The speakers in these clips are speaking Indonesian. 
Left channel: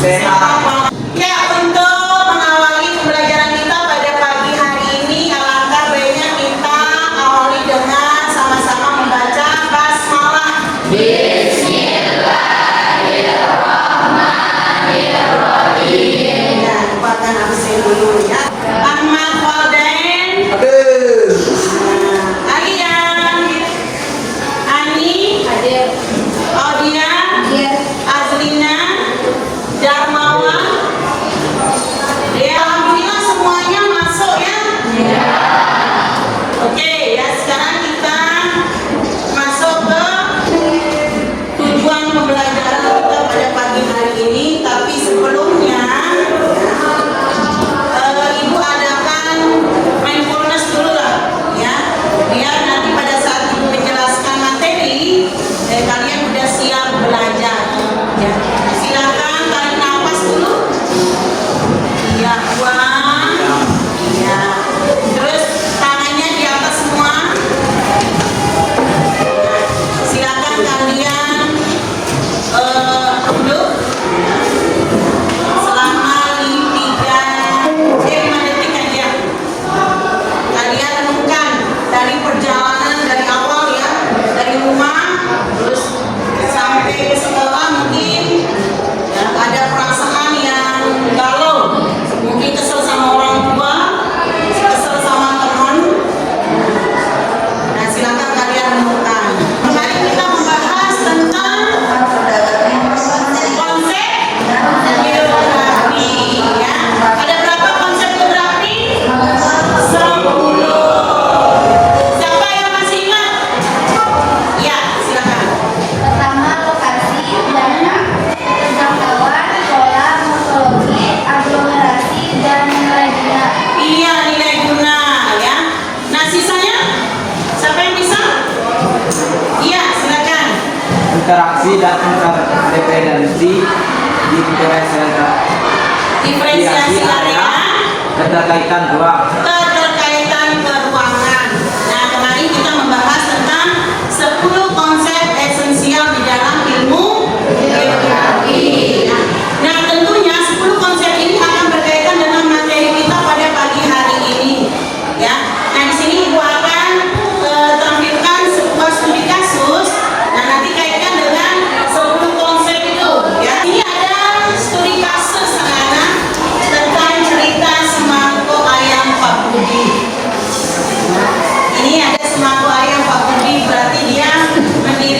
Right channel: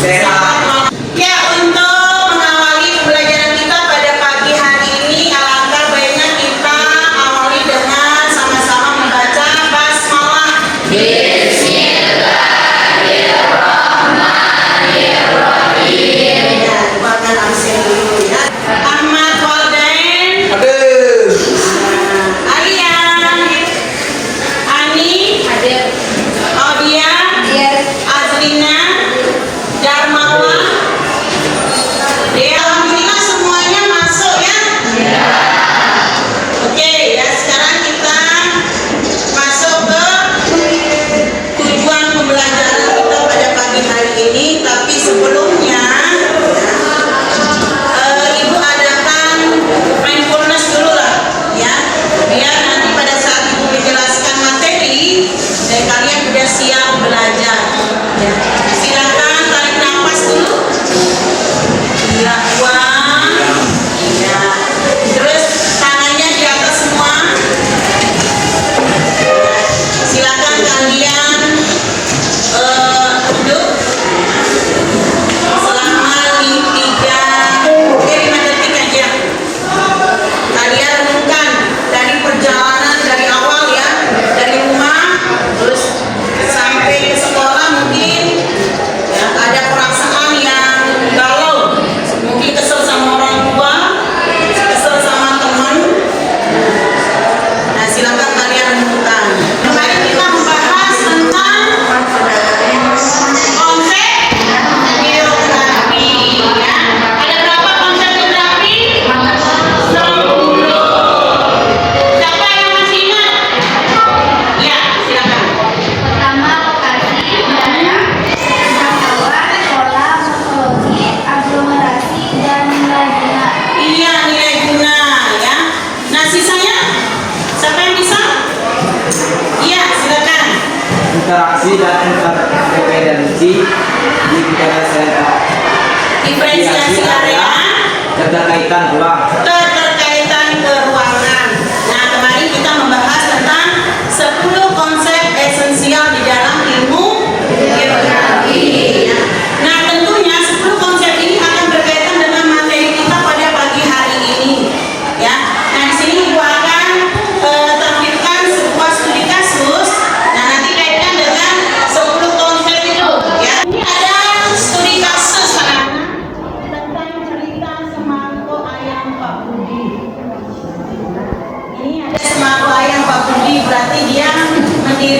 Sehat. Ya, untuk mengawali pembelajaran kita pada pagi hari ini, alangkah baiknya kita awali dengan sama-sama membaca basmalah. Bismillahirrahmanirrahim. Ya, buatkan absen dulu ya. Ahmad Waldain. Hadir. Alian. Ani. Hadir. Audia. Hadir. Azlina. Darmawan. Alhamdulillah semuanya masuk ya. Oke ya, sekarang kita masuk ke tujuan pembelajaran kita pada pagi hari ini. Tapi sebelumnya Ibu adakan mindfulness dulu lah ya, biar nanti pada saat Ibu menjelaskan materi kalian udah siap belajar ya. Silakan tarik nafas dulu ya, buang ya, terus tangannya di atas semua ya. Silakan kalian duduk selama 5 detik aja. Kalian renungkan dari perjalanan dari awal ya, dari rumah terus sampai ke sekolah, mungkin ya, ada perasaan yang galau, mungkin kesel sama orang tua, kesel sama teman. Nah, silakan kalian renungkan. Kemarin kita membahas tentang konsep geografi ya. Ada berapa konsep geografi? 10. Siapa yang masih ingat? Ya, silakan. Pertama, lokasi, daerah, jangkauan, pola, morfologi, aglomerasi, dan nilai guna. Iya, nilai guna ya. Nah, sisanya siapa yang bisa? Iya, silakan. Interaksi dan interdependensi Diferensiasi area, keterkaitan ruang. keterkaitan keruangan. Nah, kemarin kita membahas tentang 10 konsep esensial di dalam ilmu geografi. Nah, tentunya 10 konsep ini akan berkaitan dengan materi kita pada pagi hari ini. Ya. Nah, di sini Ibu akan tampilkan sebuah studi kasus. Nah, nanti kaitkan dengan 10 konsep itu. Ya. Ini ada studi kasus anak-anak tentang cerita semangkuk ayam Pak Budi. Ini ada semangkuk ayam Pak Budi, berarti dia mendirikan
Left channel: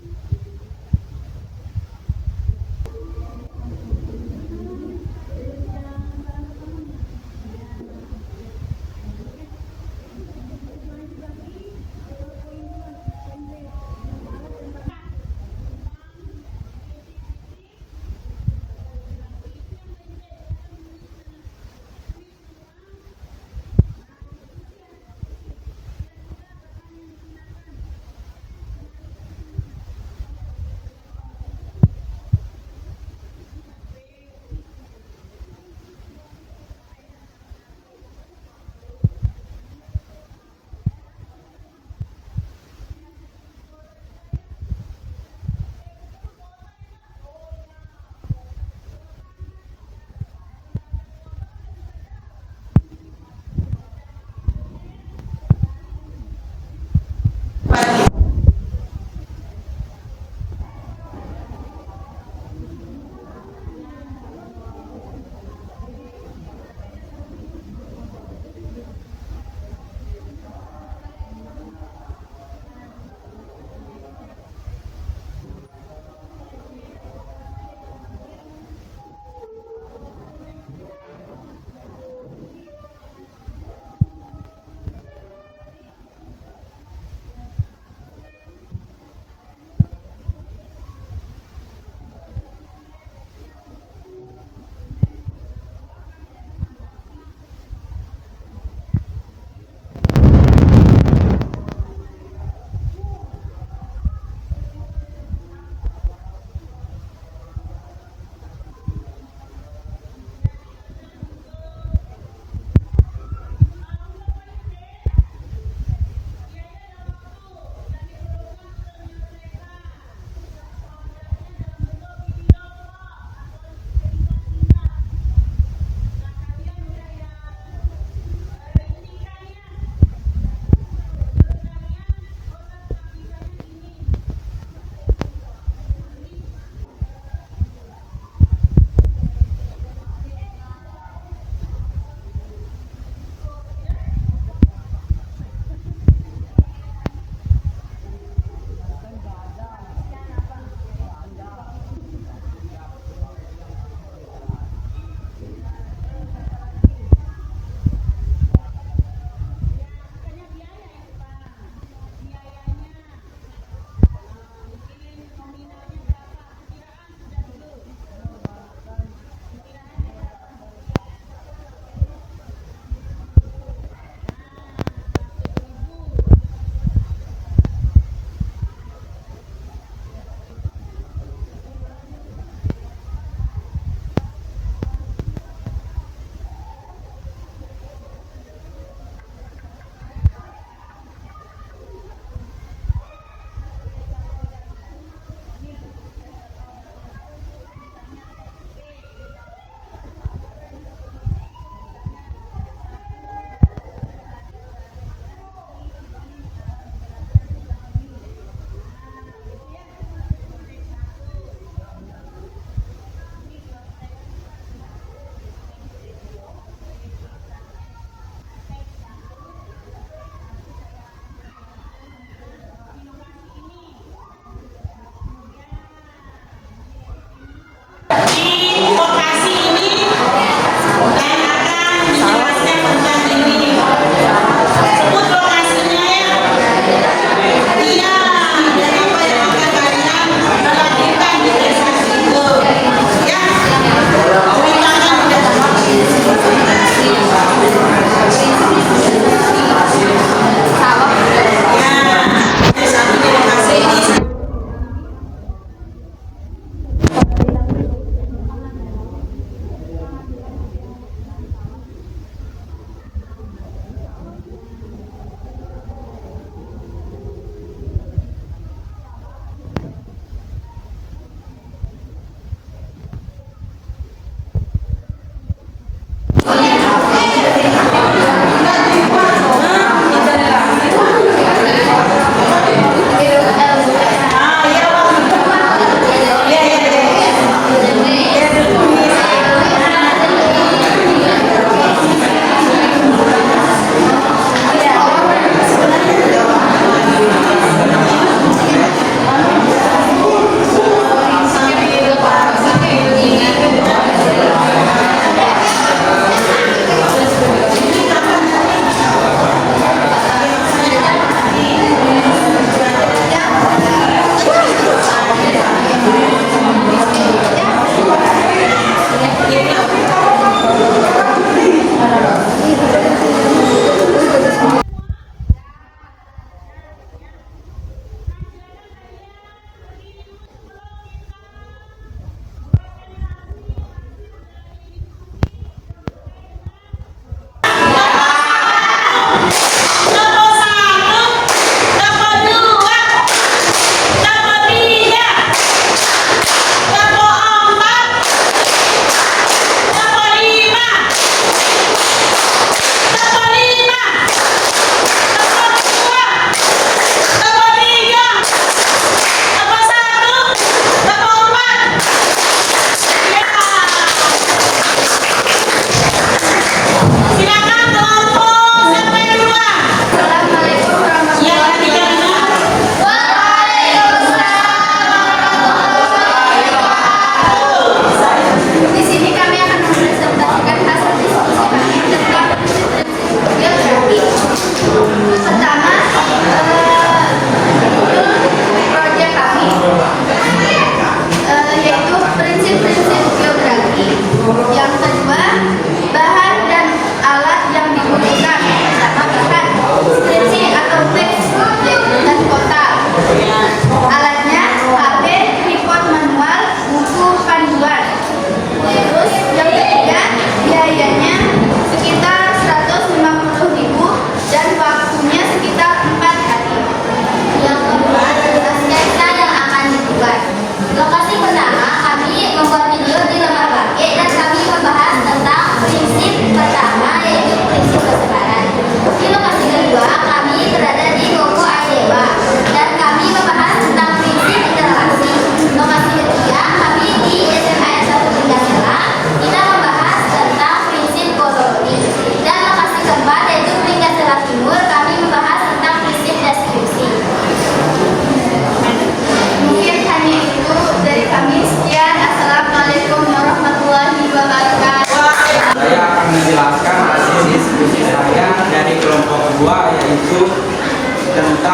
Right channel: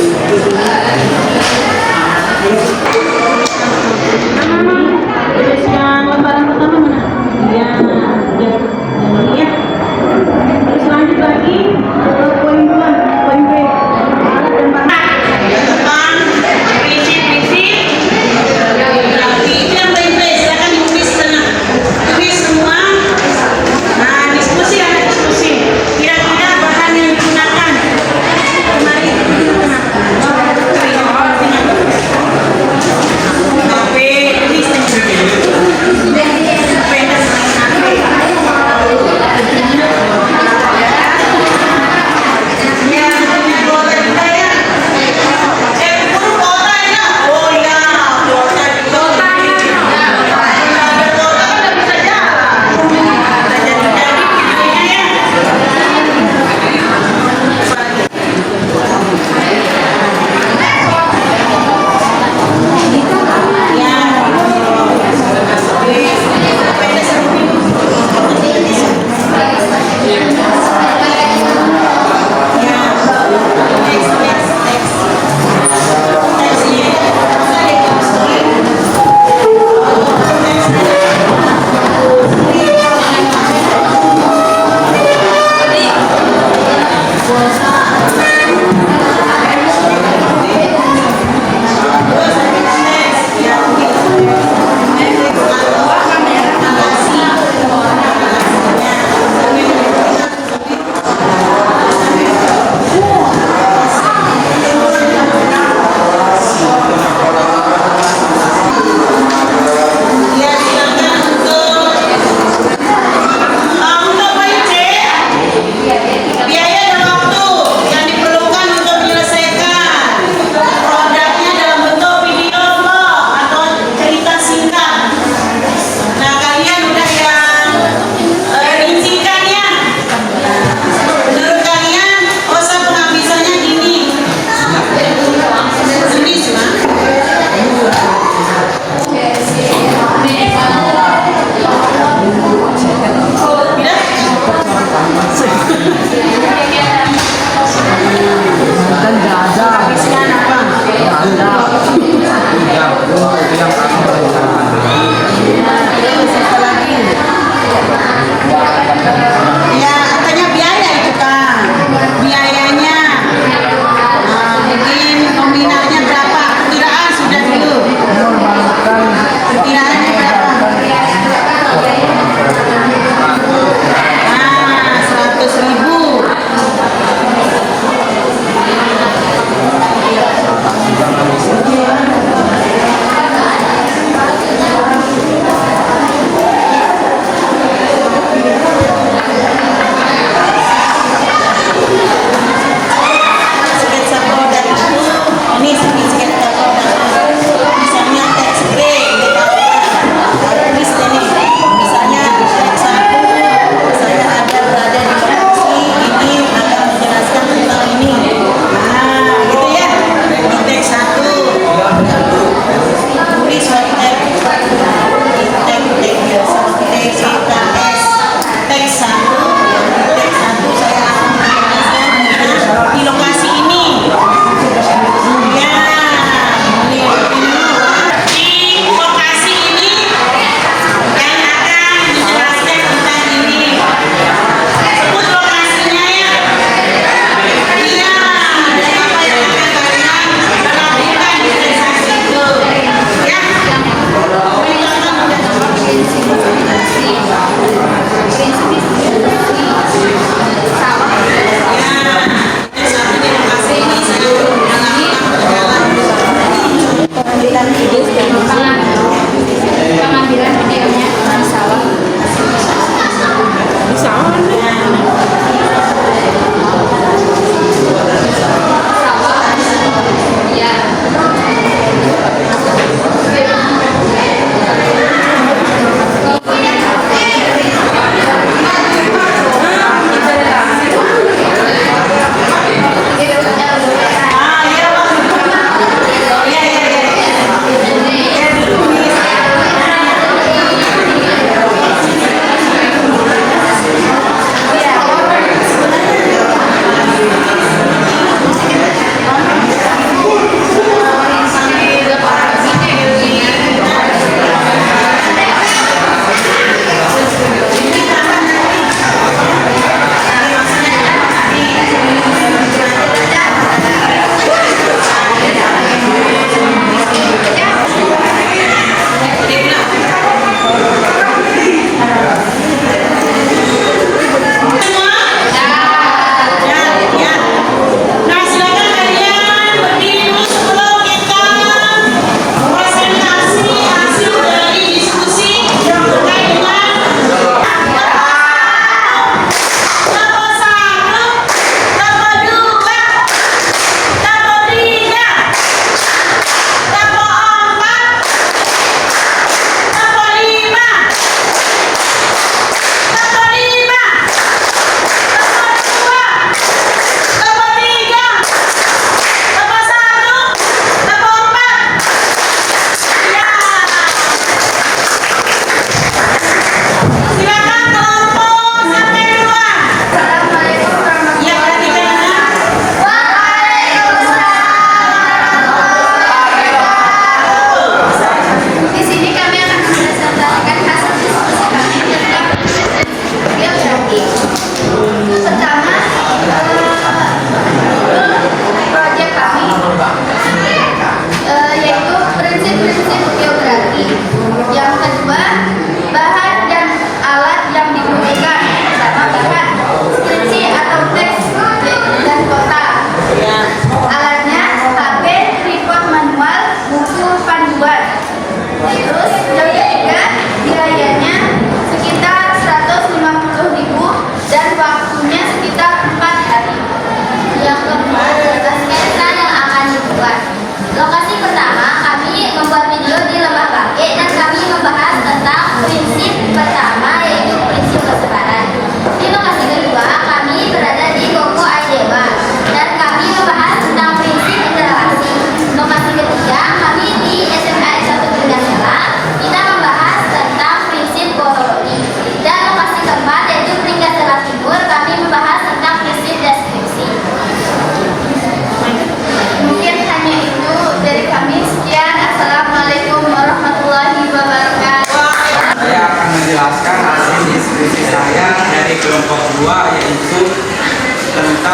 Tulis yang lembaran pertama mana? Ya, ya. Terus lanjut lagi ke poin 2, poin B. Alat dan bahan tentang prinsip-prinsip geografi. Itu yang poin B. Silakan ditulis sana. Tulis semua. Nah, diskusi ada diskusi. Kira-kira bahan yang digunakan. Kemarin itu digunakan apa?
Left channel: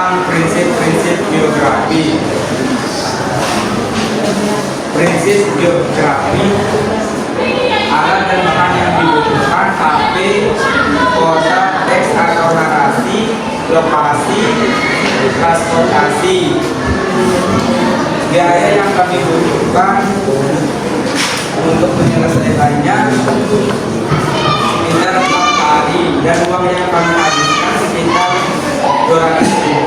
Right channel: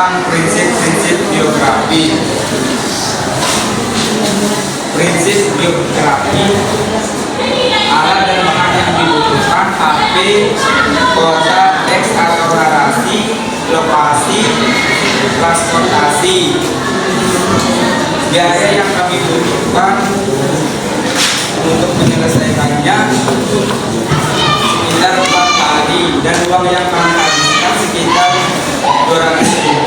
tentang prinsip-prinsip biografi. Prinsip biografi: alat dan bahan yang dibutuhkan, HP, kuota, teks atau narasi, lokasi, transportasi. Biaya yang kami butuhkan untuk menyelesaikannya sekitar 4 hari, dan uang yang kami habiskan sekitar 200.000.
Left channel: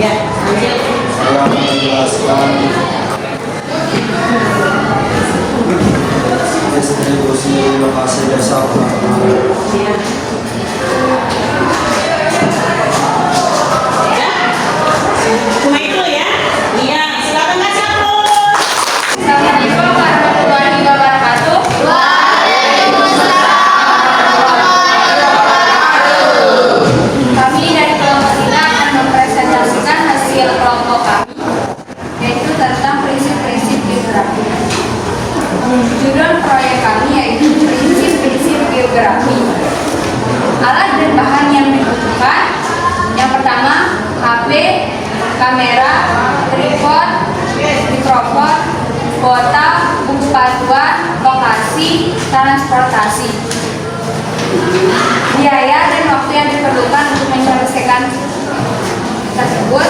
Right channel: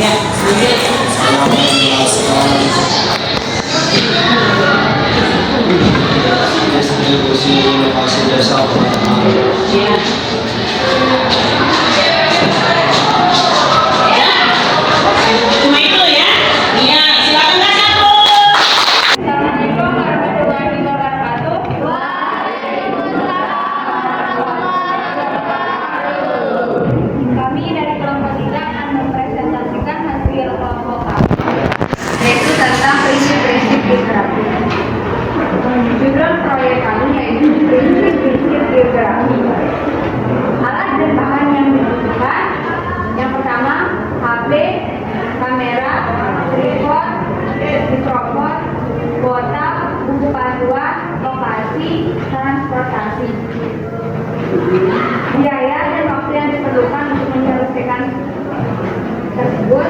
Ya. Saya akan menjelaskan distribusi lokasi desa teman-teman. Cuma itu ya. Iya, silakan Kak Syaful. Assalamualaikum warahmatullahi wabarakatuh. Kami dari kelompok kita akan mempresentasikan hasil kelompok kami, yaitu tentang prinsip-prinsip biografi. Judul proyek kami yaitu prinsip-prinsip biografi. Alat dan bahan yang dibutuhkan: yang pertama, HP, kamera, tripod, mikrofon, kuota, buku panduan, lokasi, transportasi. Biaya dan waktu yang diperlukan untuk menyelesaikan tersebut,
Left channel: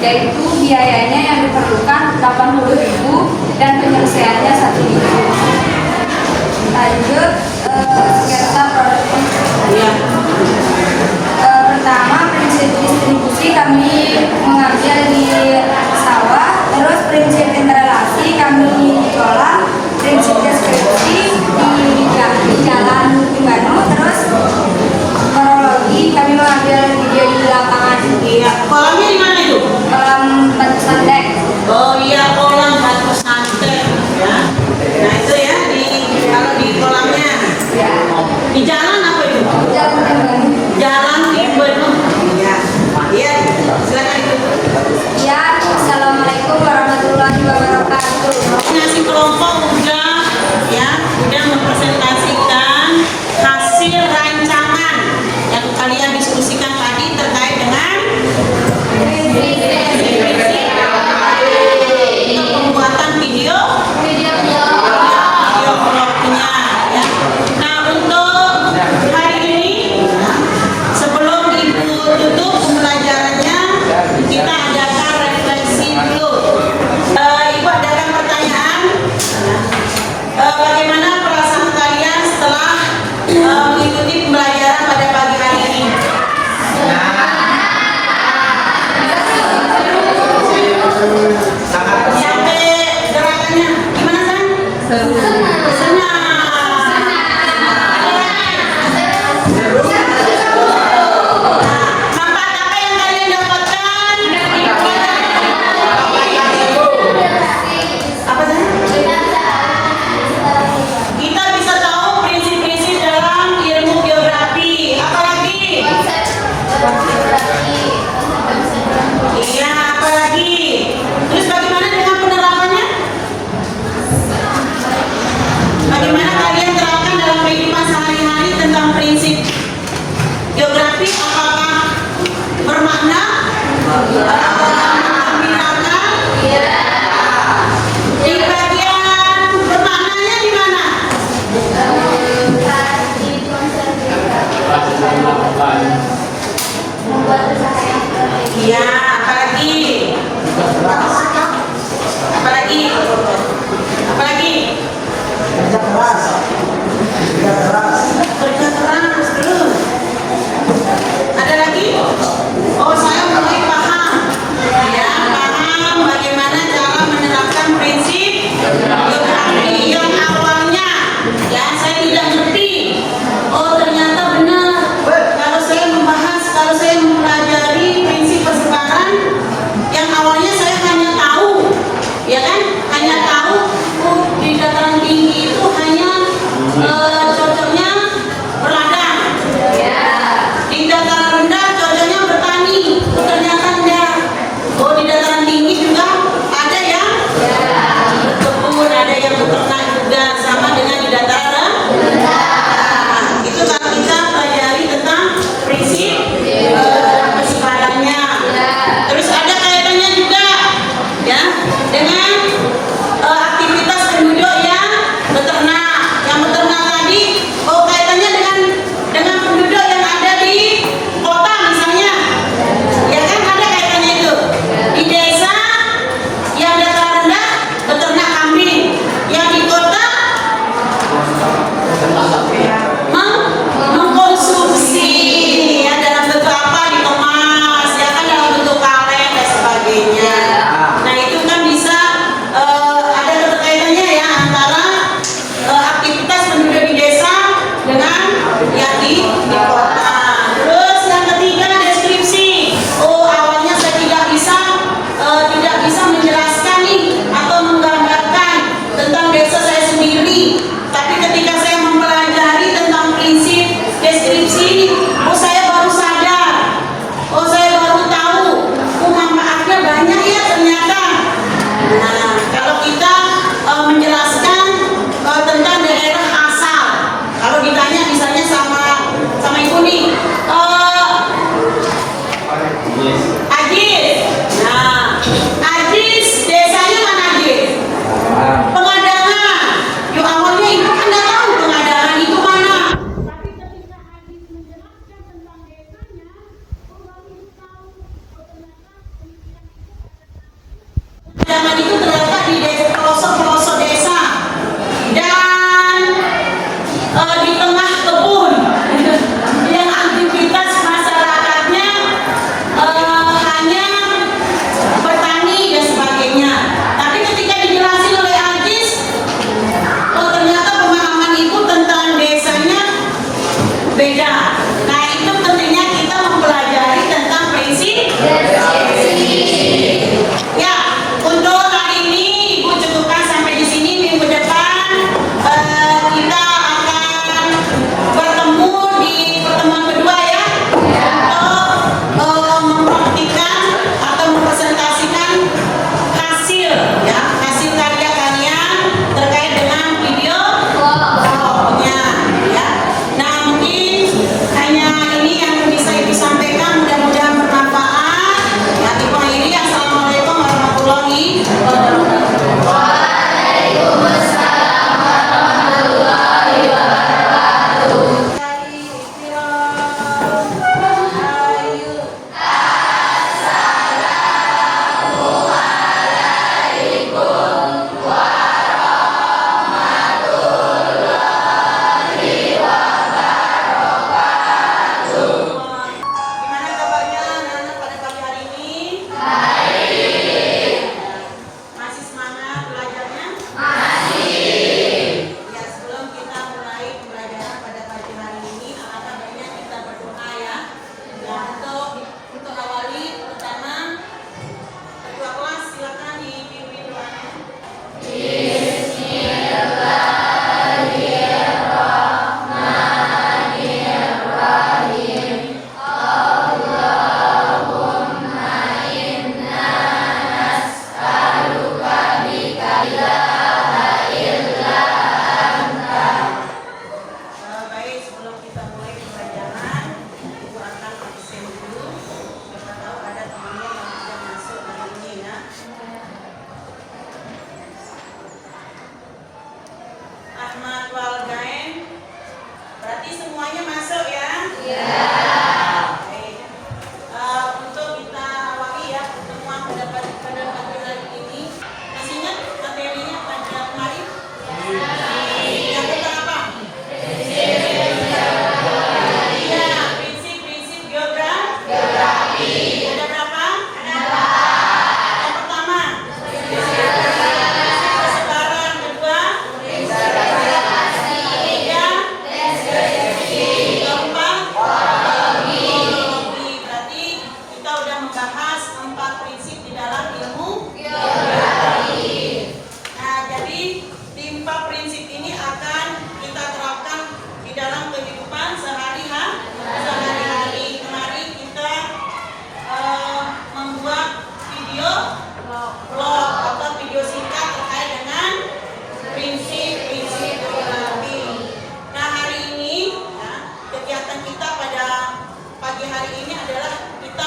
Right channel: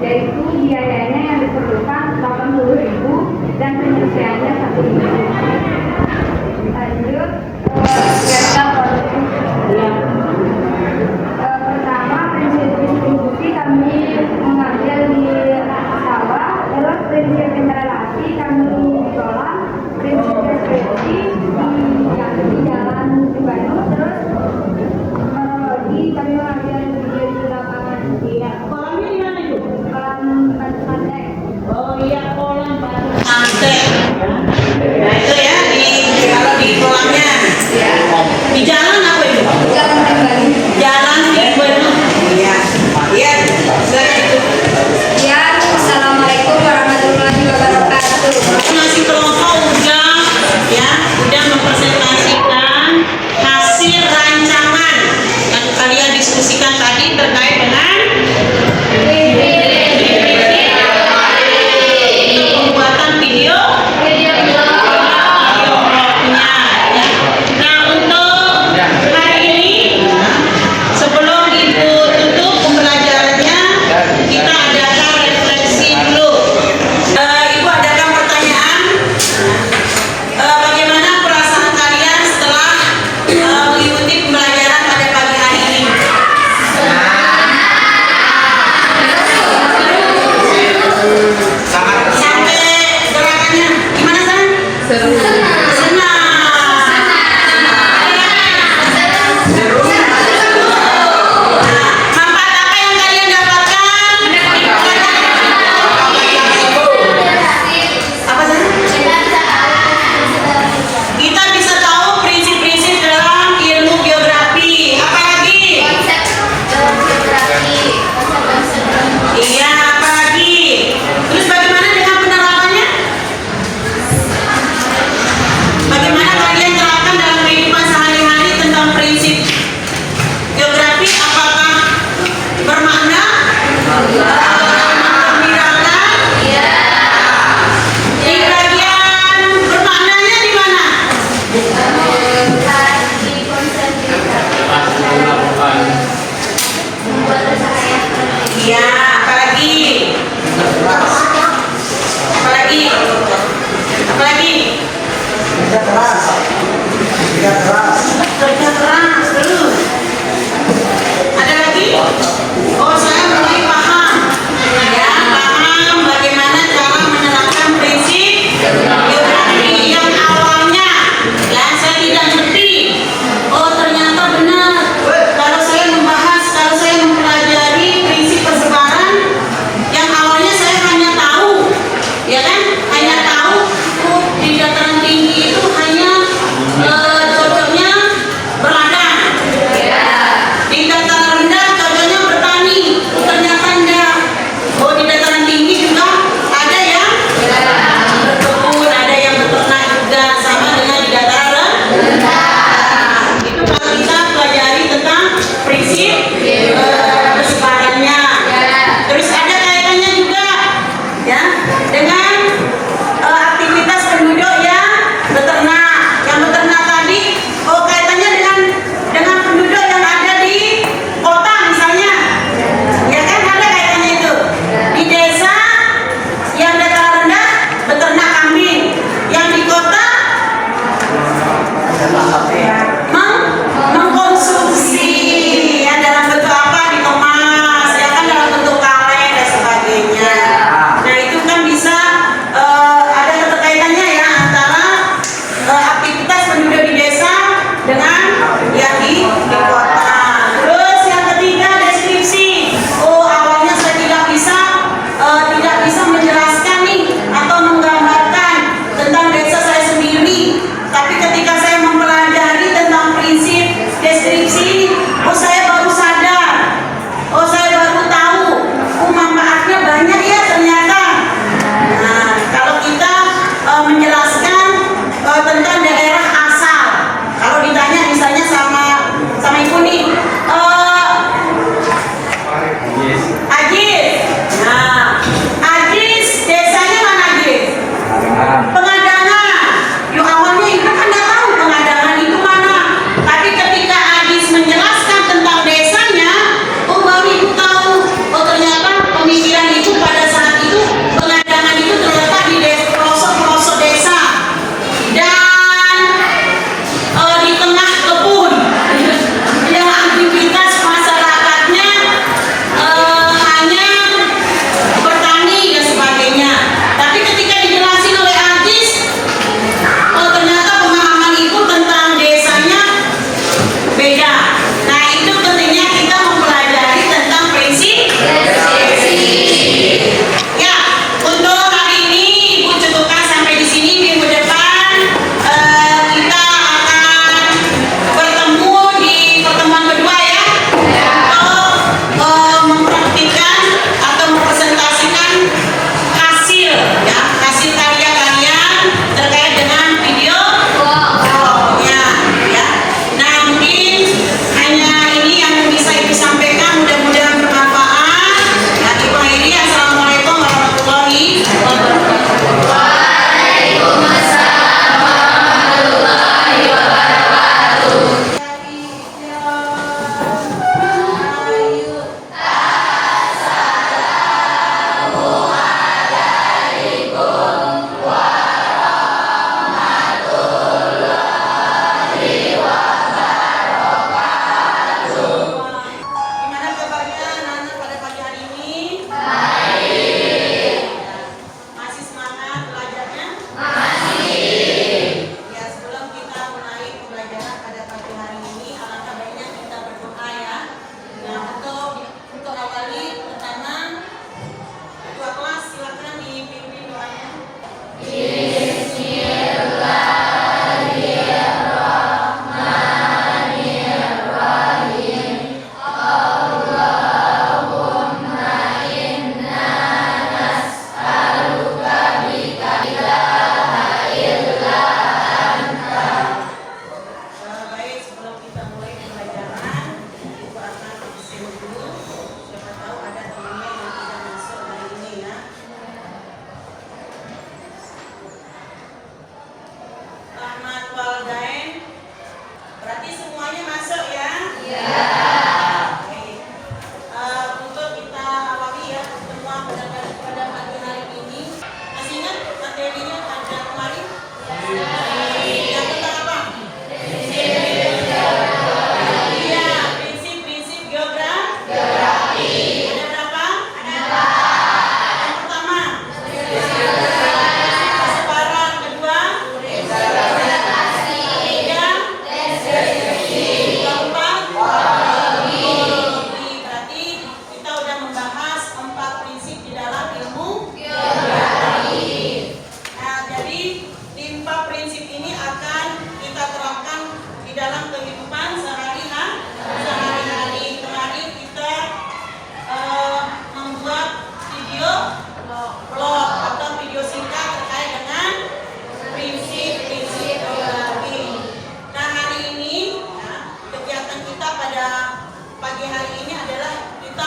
yaitu biayanya yang diperlukan 80.000 dan penyelesaiannya 1.000. Lanjut, sketsa produk. Ya. Pertama, prinsip distribusi kami mengambil di sawah, terus prinsip interrelasi kami di kolam, prinsip deskripsi di jalan Timbano, terus kronologi kami mengambil video di lapangan. Iya, kolamnya di mana itu? Kolam Batu Santek. Oh iya, kolam Batu Santek ya. Nah itu ya, kalau di kolamnya di jalan apa itu? Jalan Timbano. Jalan Timbano. Iya. Iya, silakan itu. Ya, assalamualaikum warahmatullahi wabarakatuh. Ngasih kelompok udah mempresentasikan hasil rancangan yang kalian diskusikan tadi terkait dengan untuk pembuatan video blognya ya. Nah untuk hari ini sebelum ibu tutup pembelajarannya, kita adakan refleksi dulu. Ibu adakan pertanyaan. Bagaimana perasaan kalian setelah mengikuti pembelajaran pada pagi hari ini? Sampai gerakannya gimana San? Senang. Manfaat apa yang kalian dapatkan? Apa San? Kita bisa tahu prinsip-prinsip dalam ilmu biografi. Apa lagi? Iya, apa lagi? Terus bagaimana dengan penerapannya? Bagaimana kalian terapkan dalam kehidupan sehari-hari tentang prinsip biografi? Apakah bermakna? Menggembirakan? Di bagian bermaknanya di mana? Iya, apalagi? Apalagi? Apalagi? Kerja keras terus. Ada lagi? Oh, saya mulai paham. Ya, paham bagaimana cara menerapkan prinsip biografi yang awalnya ya saya tidak ngerti. Oh, ternyata benar. Kalau saya mempelajari prinsip persebaran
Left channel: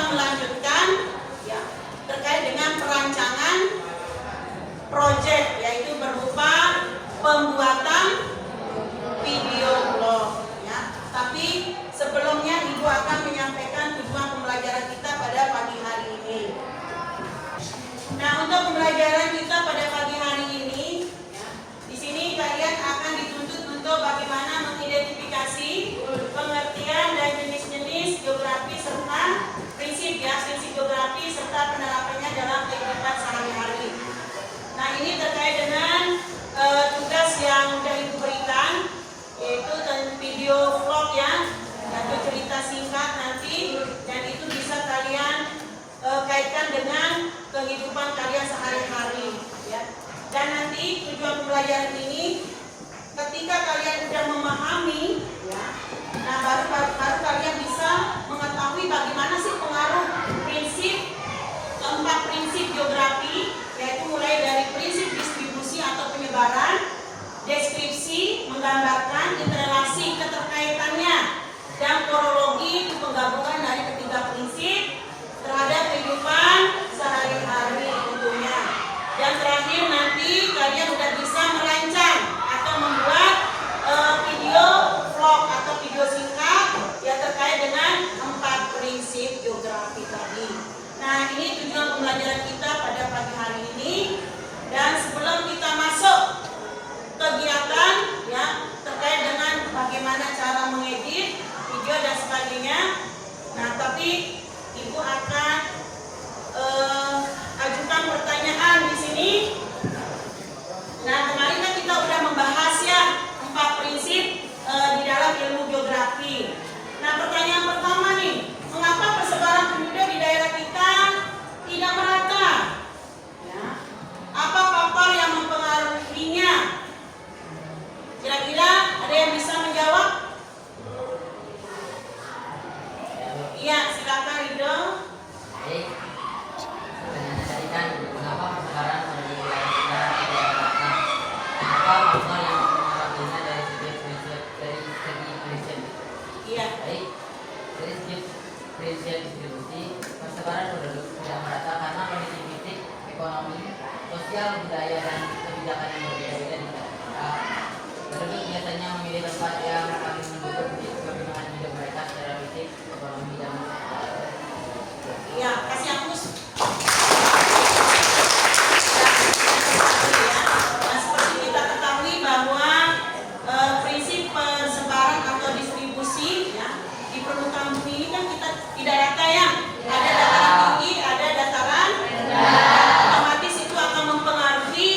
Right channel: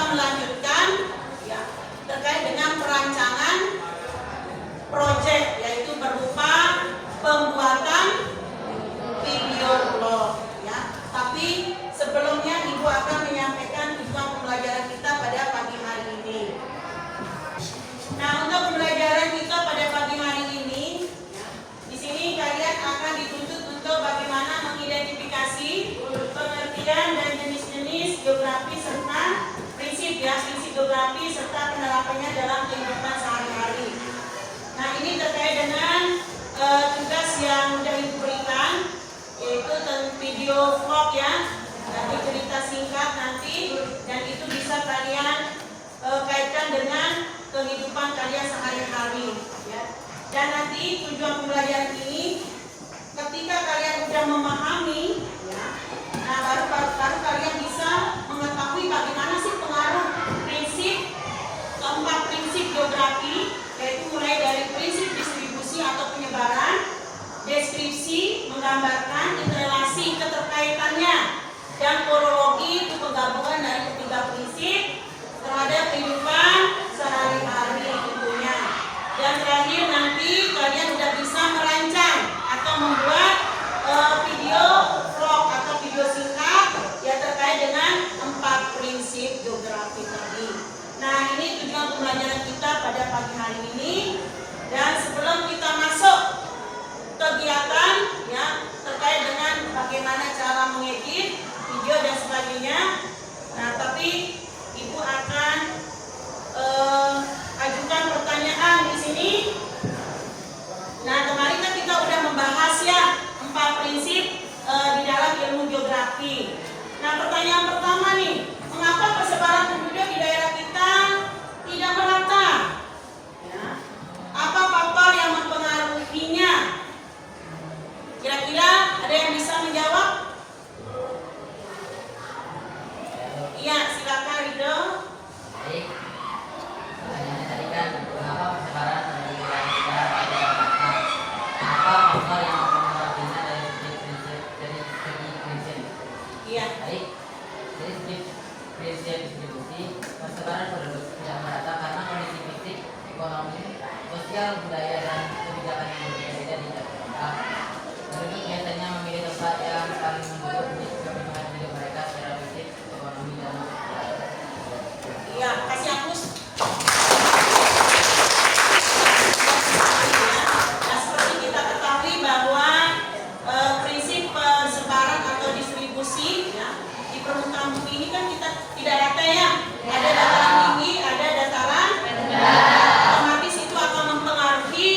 melanjutkan ya terkait dengan perancangan proyek, yaitu berupa pembuatan video blog ya. Tapi sebelumnya Ibu akan menyampaikan tujuan pembelajaran kita pada pagi hari ini. Nah, untuk pembelajaran kita pada pagi hari ini ya, di sini kalian akan dituntut untuk bagaimana mengidentifikasi pengertian dan jenis-jenis geografi serta prinsip geografi serta penerapannya dalam kehidupan sehari-hari. Nah, ini terkait dengan tugas yang sudah Ibu berikan, yaitu video vlog ya, yaitu cerita singkat nanti, dan itu bisa kalian kaitkan dengan kehidupan kalian sehari-hari ya. Dan nanti tujuan pembelajaran ini ketika kalian sudah memahami ya, nah baru kalian bisa mengetahui bagaimana sih pengaruh keempat prinsip geografi, yaitu mulai dari prinsip distribusi atau penyebaran, deskripsi menggambarkan interrelasi keterkaitannya, dan kronologi itu penggabungan dari ketiga prinsip terhadap kehidupan sehari-hari tentunya. Dan terakhir nanti kalian udah bisa merancang atau membuat video vlog atau video singkat yang terkait dengan 4 prinsip geografi tadi. Nah, ini tujuan pembelajaran kita pada pagi hari ini. Dan sebelum kita masuk kegiatan ya terkait dengan bagaimana cara mengedit video dan sebagainya, nah tapi Ibu akan ajukan pertanyaan di sini. Nah, kemarin kan kita udah membahas ya 4 prinsip di dalam ilmu geografi. Nah, pertanyaan pertama nih, mengapa persebaran penduduk di daerah kita tidak merata? Ya. Apa faktor yang mempengaruhinya? Kira-kira ada yang bisa menjawab? Iya, silakan Rido. Baik, pertanyaan tadi kan kenapa persebaran dari wilayah kita tidak merata? Apa faktor yang mempengaruhinya dari segi prinsip? Iya. Baik, dari segi prinsip distribusi persebaran penduduk tidak merata karena kondisi fisik, ekonomi, sosial, budaya dan kebijakan yang berbeda-beda di kita. Penduduk biasanya memilih tempat yang paling mendukung kepentingan hidup mereka secara fisik, ekonomi dan sosial. Iya, kasih hapus. Nah, seperti kita ketahui bahwa prinsip persebaran atau distribusi ya, di permukaan bumi ini kan kita tidak rata ya. Ada dataran tinggi, ada dataran rendah. Otomatis itu akan mempengaruhi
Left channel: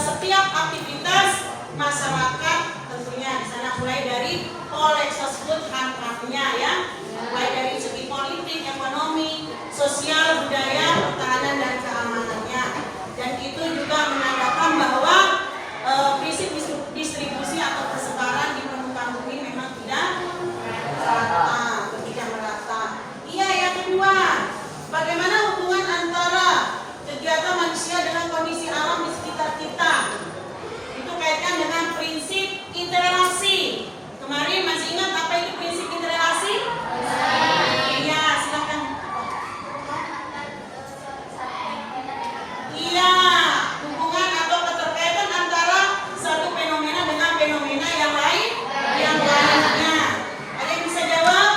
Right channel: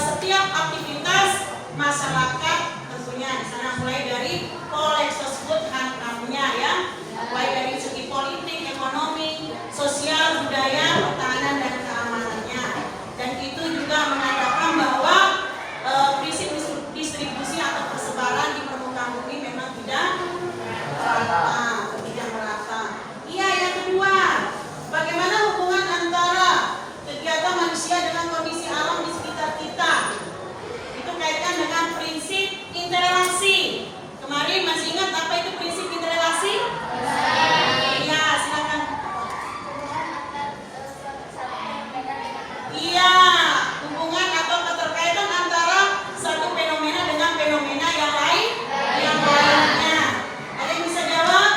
setiap aktivitas masyarakat tentunya di sana, mulai dari poleksosbud handcraftnya ya, mulai dari segi politik, ekonomi, sosial, budaya, pertahanan dan keamanannya. Dan itu juga menandakan bahwa prinsip distribusi atau persebaran di permukaan bumi memang tidak merata. Iya, yang kedua, bagaimana hubungan antara kegiatan manusia dengan kondisi alam di sekitar kita? Itu kaitkan dengan prinsip interrelasi. Kemarin masih ingat apa itu prinsip interrelasi? Iya, silakan. Iya, hubungan atau keterkaitan antara satu fenomena dengan fenomena yang lainnya. Ada yang bisa jawab?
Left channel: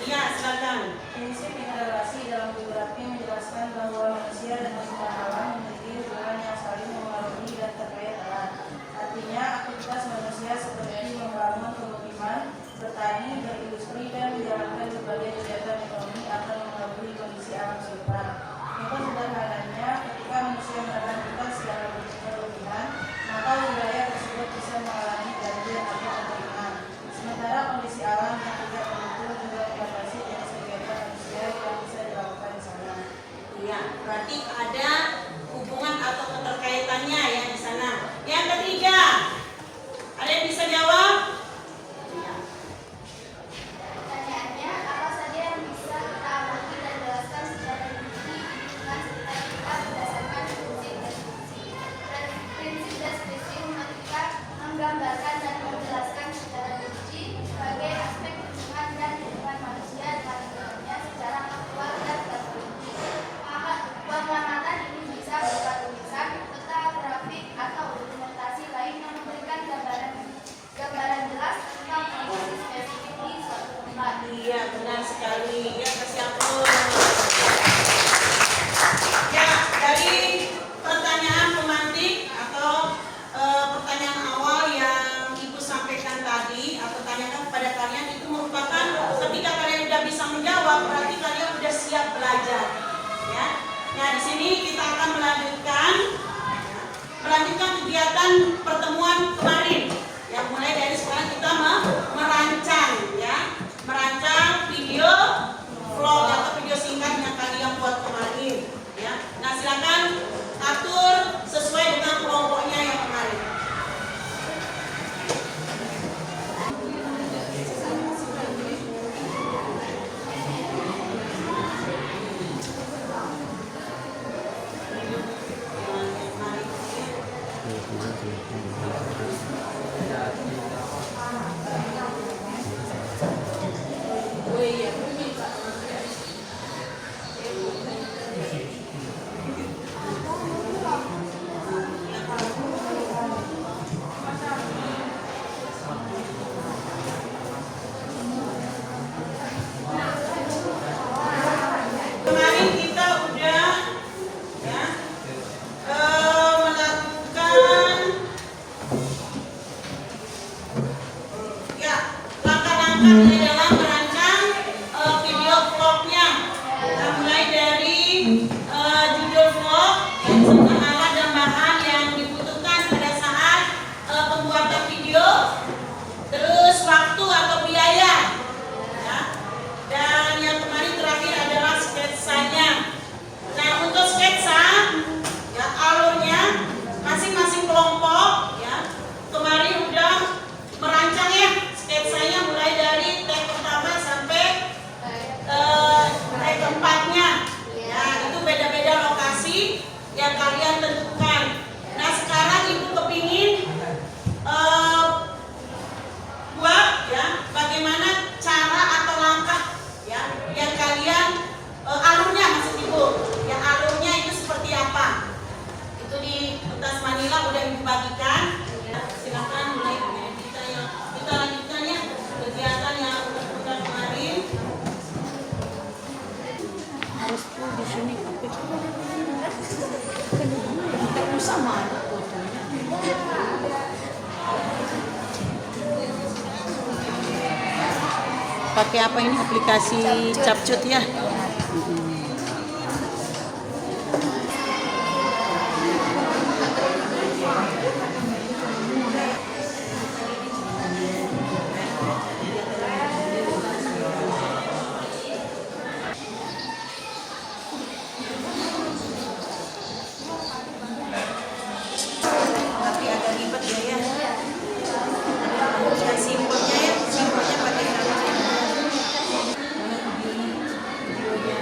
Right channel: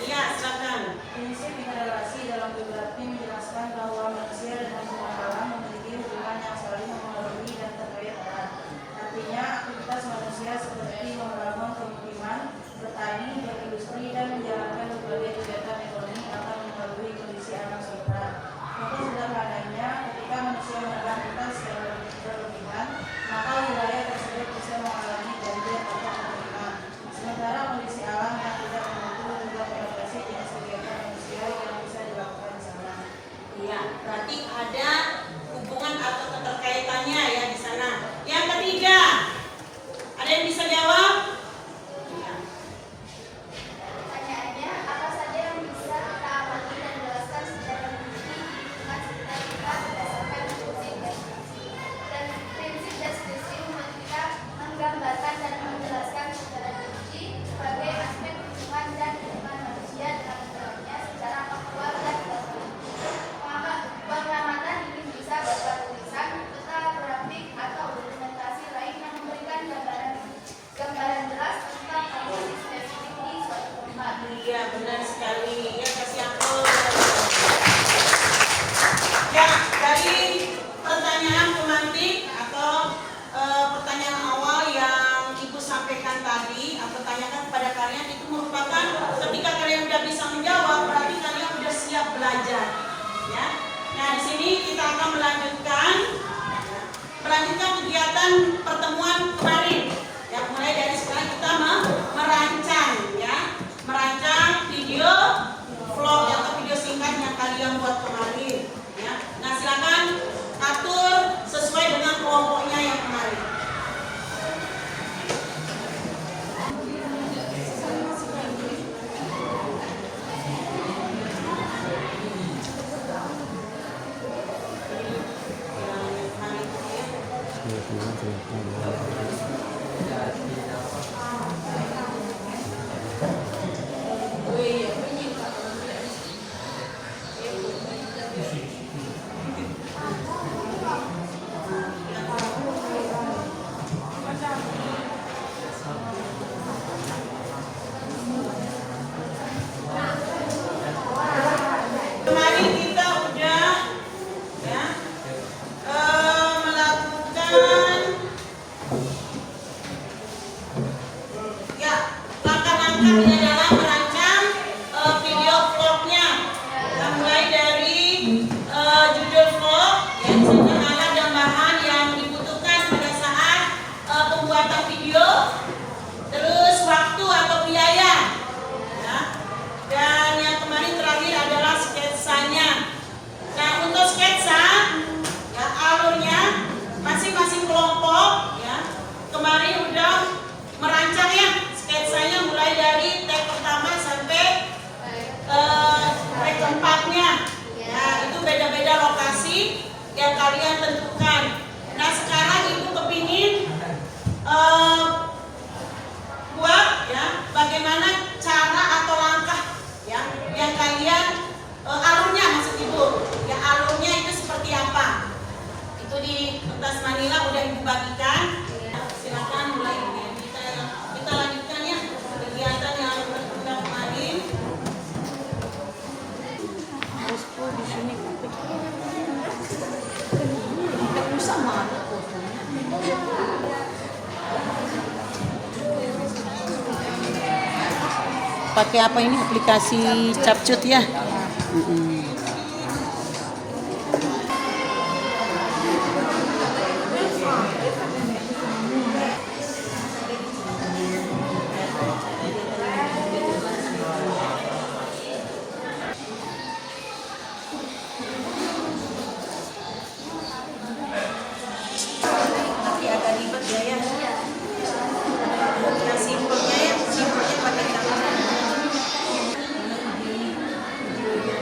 Iya, silakan. Prinsip interrelasi dalam geografi menjelaskan bahwa manusia dan lingkungan alam memiliki hubungan yang saling memengaruhi dan terkait erat. Artinya, aktivitas manusia seperti membangun pemukiman, bertani, berindustri, dan menjalankan berbagai kegiatan ekonomi akan mempengaruhi kondisi alam sekitar. Untuk sederhananya, ketika manusia menekan kita secara berlebihan, maka wilayah tersebut bisa mengalami banjir atau kekeringan. Sementara kondisi alam yang tidak menentu juga membatasi jenis kegiatan manusia yang bisa dilakukan di sana. Iya, berarti ada hubungan atau keterkaitannya ya di sana. Yang ketiga, ada yang bisa jawab? Iya. Pertanyaannya, apa saja yang bisa kita amati dan jelaskan secara rinci dengan sekitar kita berdasarkan prinsip deskripsi? Prinsip deskripsi menggambarkan dan menjelaskan secara rinci sebagai aspek hubungan dan hubungan manusia dengan lingkungannya secara faktual ini kita akan melanjutkan kegiatan pertemuan kemarin. Ya, mulai dari sekarang kita merancang ya, merancang video vlog atau video singkat yang kalian buat kemarin. Ya, nah silakan atur sesuai dengan kelompoknya yang kemarin. Kemarin kita udah ya melakukan ya langkah-langkah di dalam merancang video vlognya. Kita mulai dari judul vlog, yang disebut alat dan bahan yang dibutuhkan pada saat pembuatan video, terus waktu atau biaya. Ya. Dan yang kemarin terakhir adalah sketsanya. Nah, untuk sketsa ya alurnya masing-masing kelompok ya kemarin udah merancang ya sketsanya mulai dari take pertama sampai take keempatnya. Ya, itu beda-beda lokasi yang kalian tentukan. Nah, sekarang Ibu kepingin buat ya bagaimana cara atau langkah ya yang kalian alurnya, maksud Ibu ya, alurnya itu seperti apa, itu di kertas manila udah Ibu bagikan ya, silakan mulai kita lanjutkan ya kegiatan yang udah kemarin. Harus full di sini tapi tidak usah malu fotonya. Pakai apa ini, aplikasi CapCut ya? Tapi agak ribet ya. Yang simpelnya pakai gambar. Videonya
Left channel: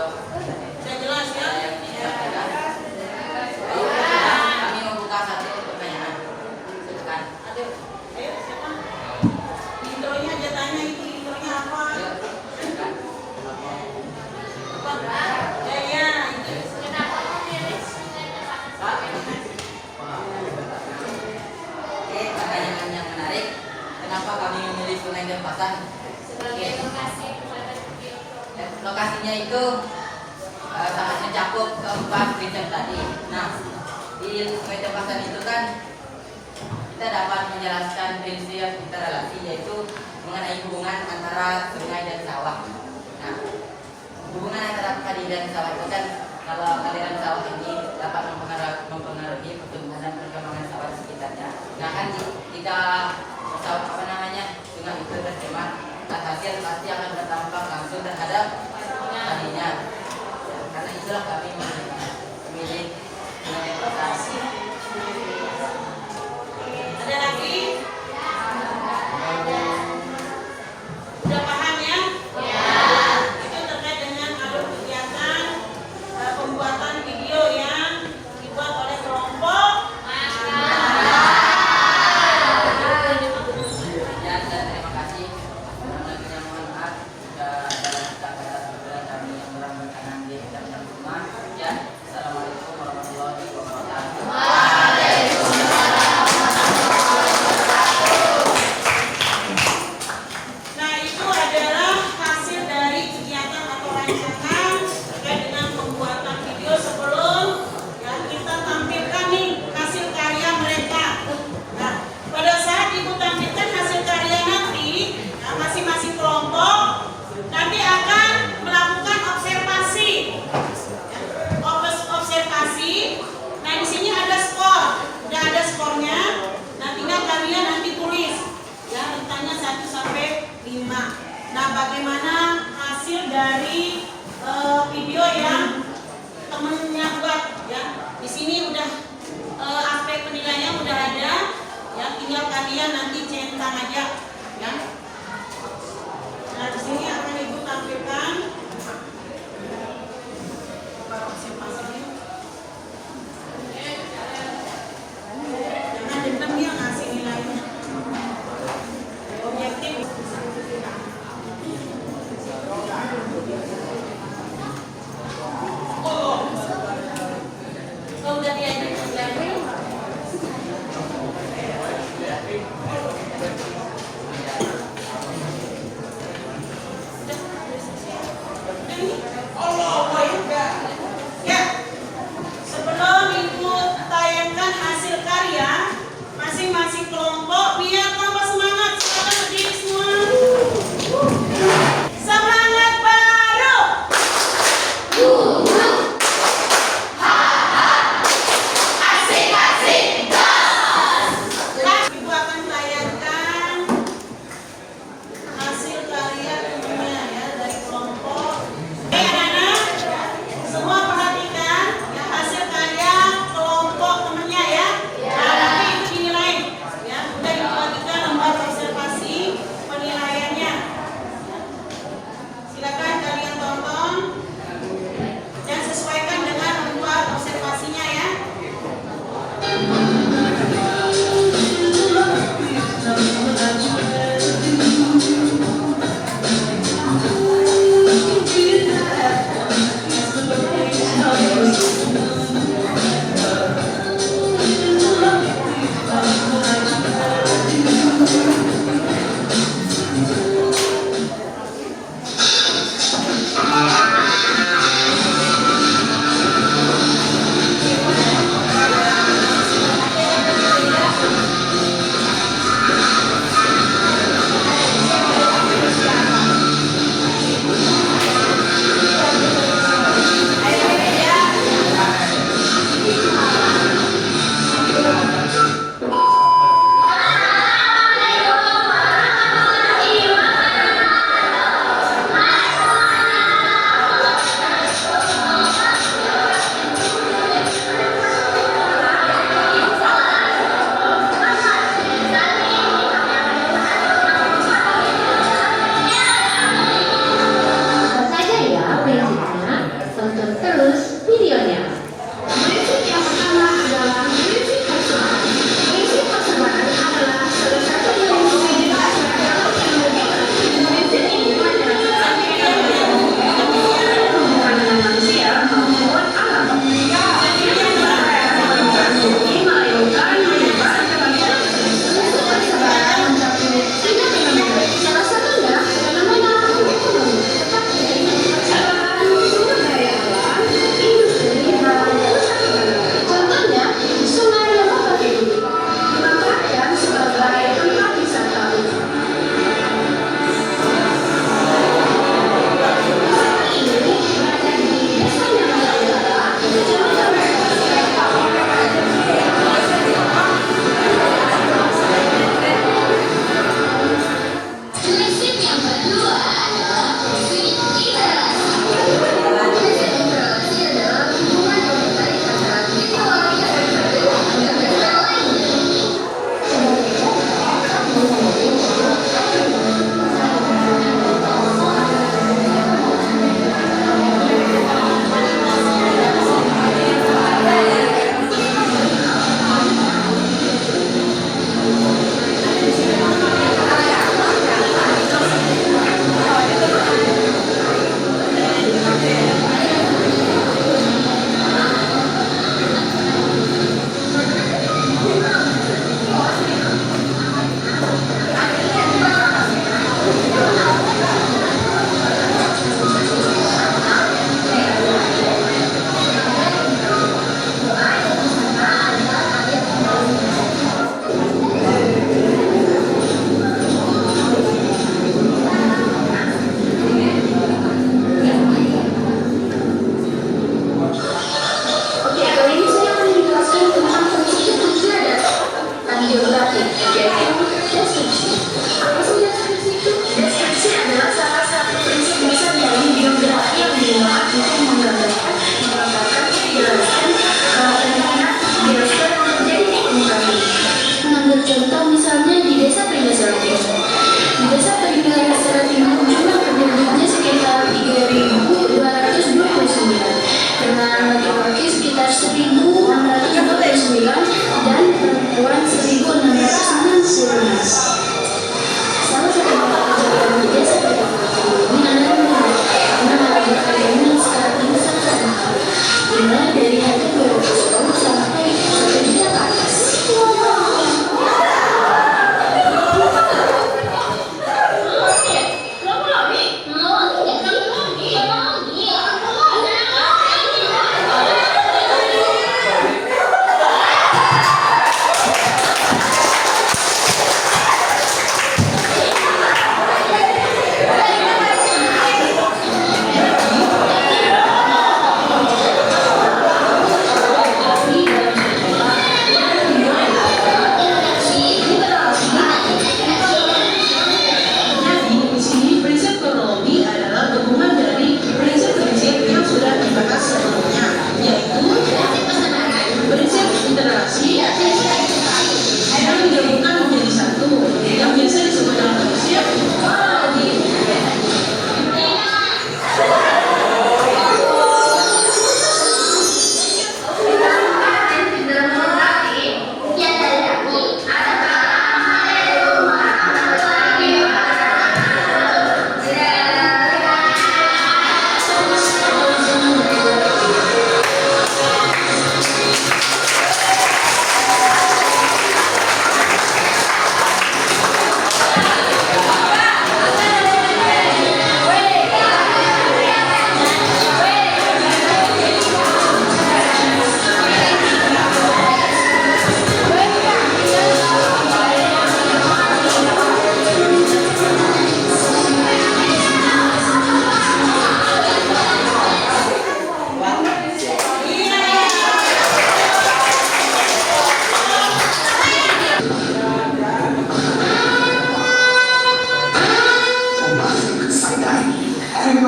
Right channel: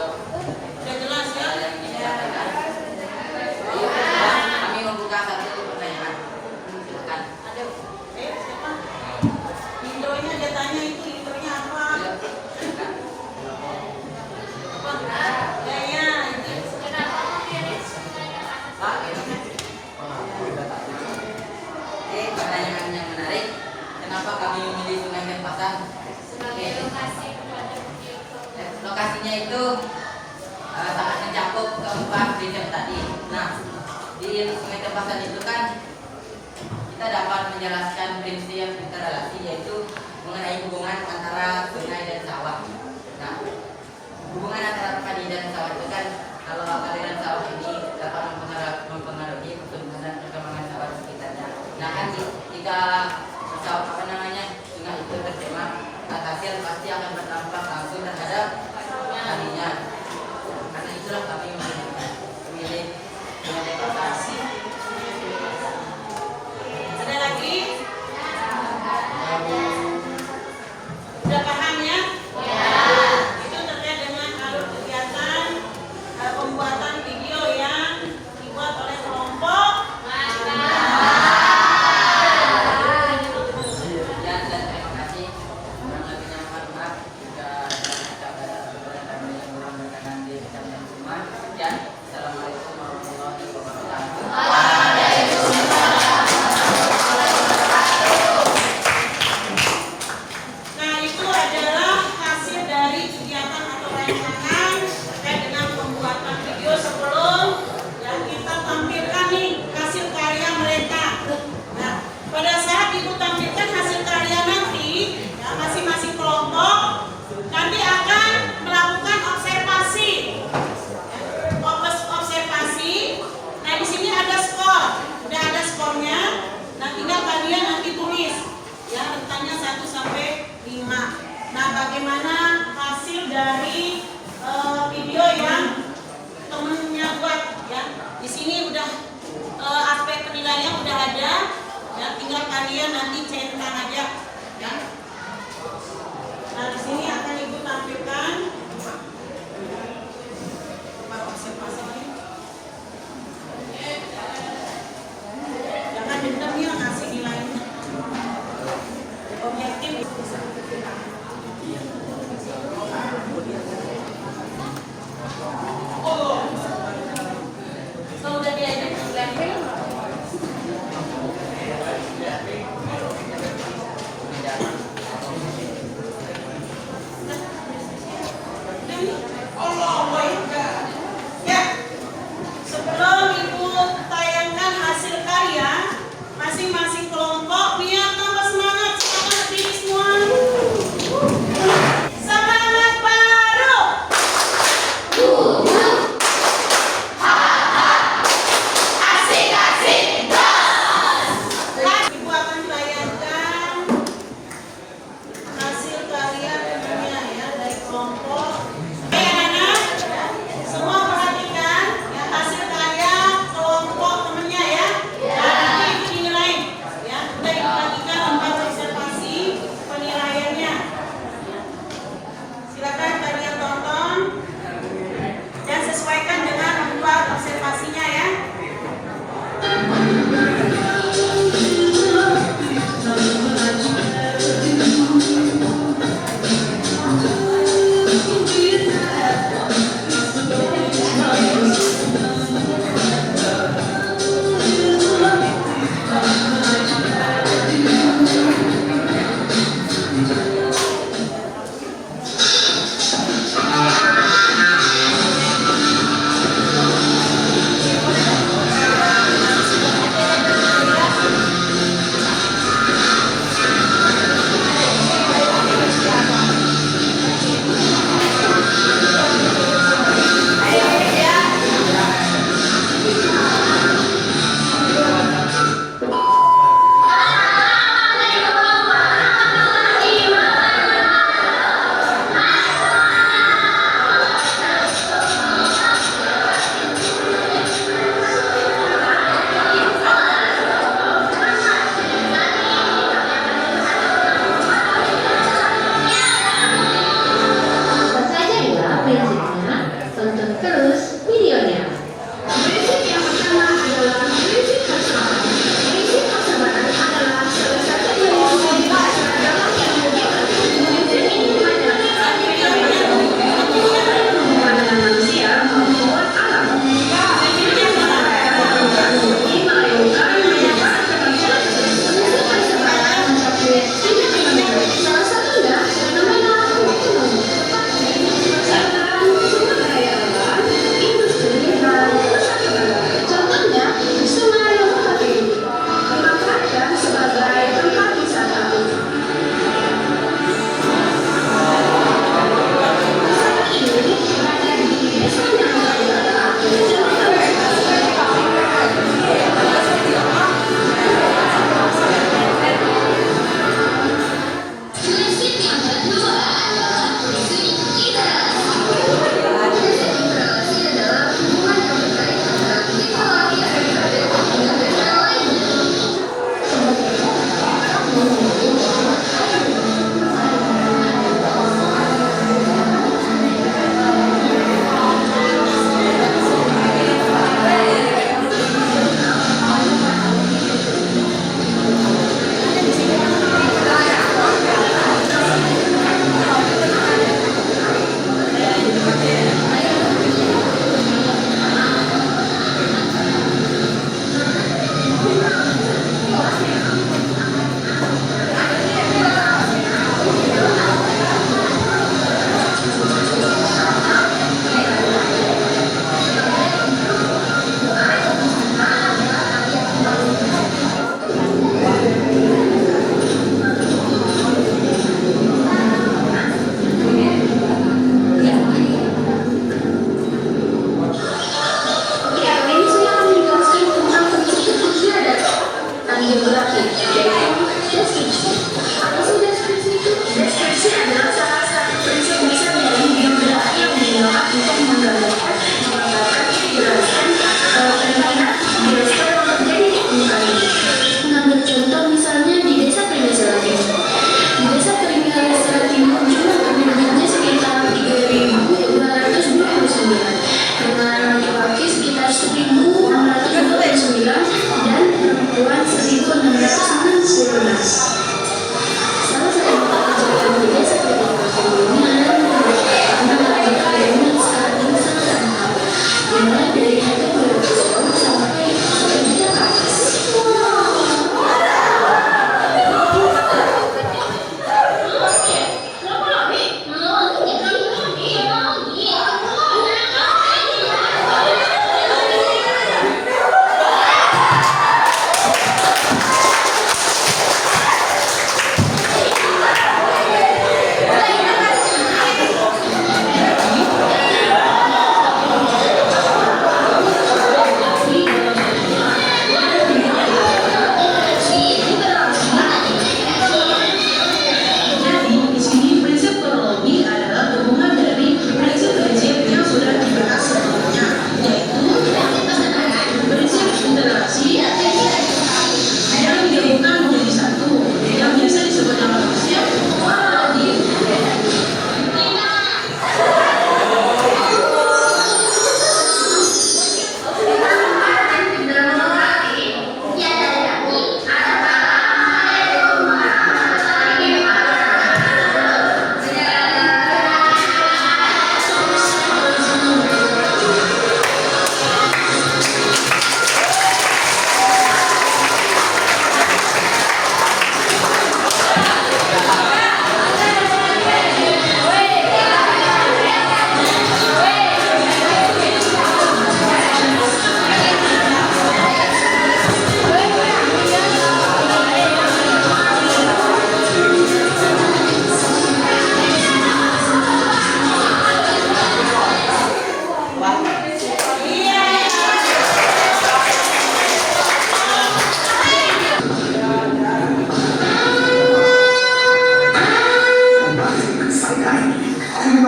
besok Sudah jelas ya? yang disampaikan. Kami membuka satu pertanyaan. Silakan. Ada. Siapa? Indonya dia tanya itu indonya apa? Ayo, silakan. Apa? Ya ya. Oke, pertanyaan yang menarik. Kenapa kami memilih Sungai Denpasar? Oke. Lokasinya itu sangat mencakup keempat prinsip tadi. Nah, di Sungai Denpasar itu kan kita dapat menjelaskan prinsip interrelasi, yaitu mengenai hubungan antara sungai dan sawah. Nah, hubungan antara padi dan sawah itu kan, kalau aliran sawah ini dapat mempengaruhi pertumbuhan dan perkembangan sawah di sekitarnya. Nah kan jika sawah sungai itu tercemar, hasil pasti akan berdampak langsung terhadap padinya. Karena itulah kami memilih Sungai Denpasar. Ada lagi? Sudah paham ya? Itu terkait dengan alur kegiatan pembuatan video yang dibuat oleh kelompok. Sekian dan terima kasih. Kurang lebihnya mohon maaf jika ada kata-kata kami yang kurang berkenan di dalam semua. Sekian. Assalamualaikum warahmatullahi wabarakatuh. Nah, itu adalah hasil dari kegiatan atau rancangan terkait dengan pembuatan video sebelum ya kita tampilkan nih hasil karya mereka. Nah, pada saat ibu tampilkan hasil karya nanti, ya, masing-masing kelompok nanti akan melakukan observasi. Ya, observasi. Nah, di sini ada skor, udah ada skornya. Nah, tinggal kalian nanti tulis. Ya, rentangnya 1 sampai 5. Nah, bagaimana hasil dari video yang temennya buat ya. Di sini udah aspek penilaiannya udah ada. Ya, tinggal kalian nanti centang aja ya. Nah, di sini akan Ibu tampilkan observasinya. Jangan dendam dia ngasih nilainya. Objektif. So, udah diajak nilainya.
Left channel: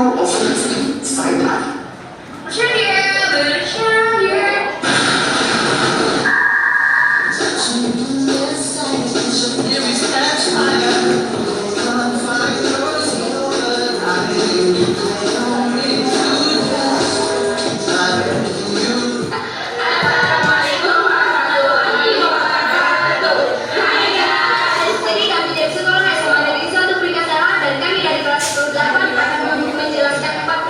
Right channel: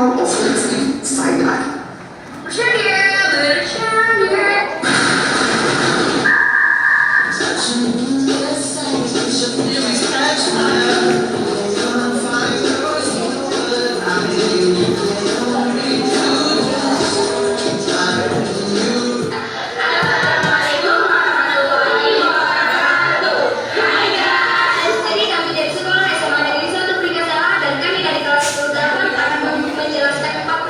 International Excellency Startup. Jadi kami dari sekolah SMA Negeri 1 Peringkat Salah dan kami dari kelas 28 akan menjelaskan 4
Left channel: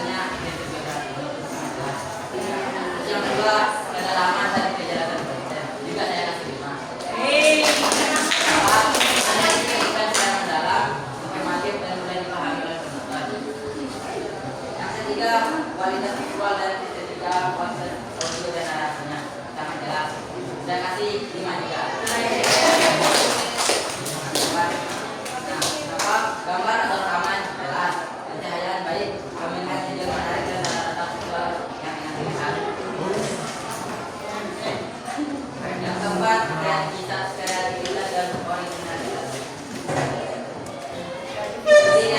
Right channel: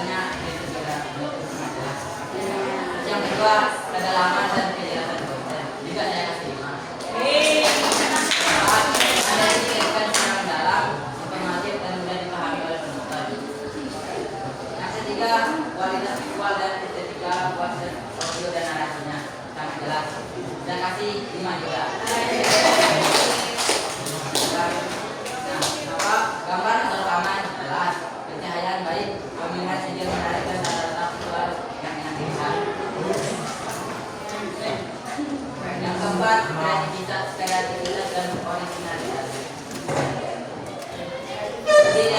misalnya berbeda jelas. Yang kedua, kedalaman dan kejelasan konten juga saya kasih 5. Analisis secara mendalam, informatif dan mudah dipahami oleh penonton. Yang ketiga, kualitas visual dan estetika kualitas audio dan narasinya sangat jelas. Saya kasih 5 juga. Gambar atau rekaman jelas, pencahayaan baik, pemilihan sejauh menarik dan tata-tata visual yang enak dilihat. Yang keempat, kreativitas dan originalitas. Ide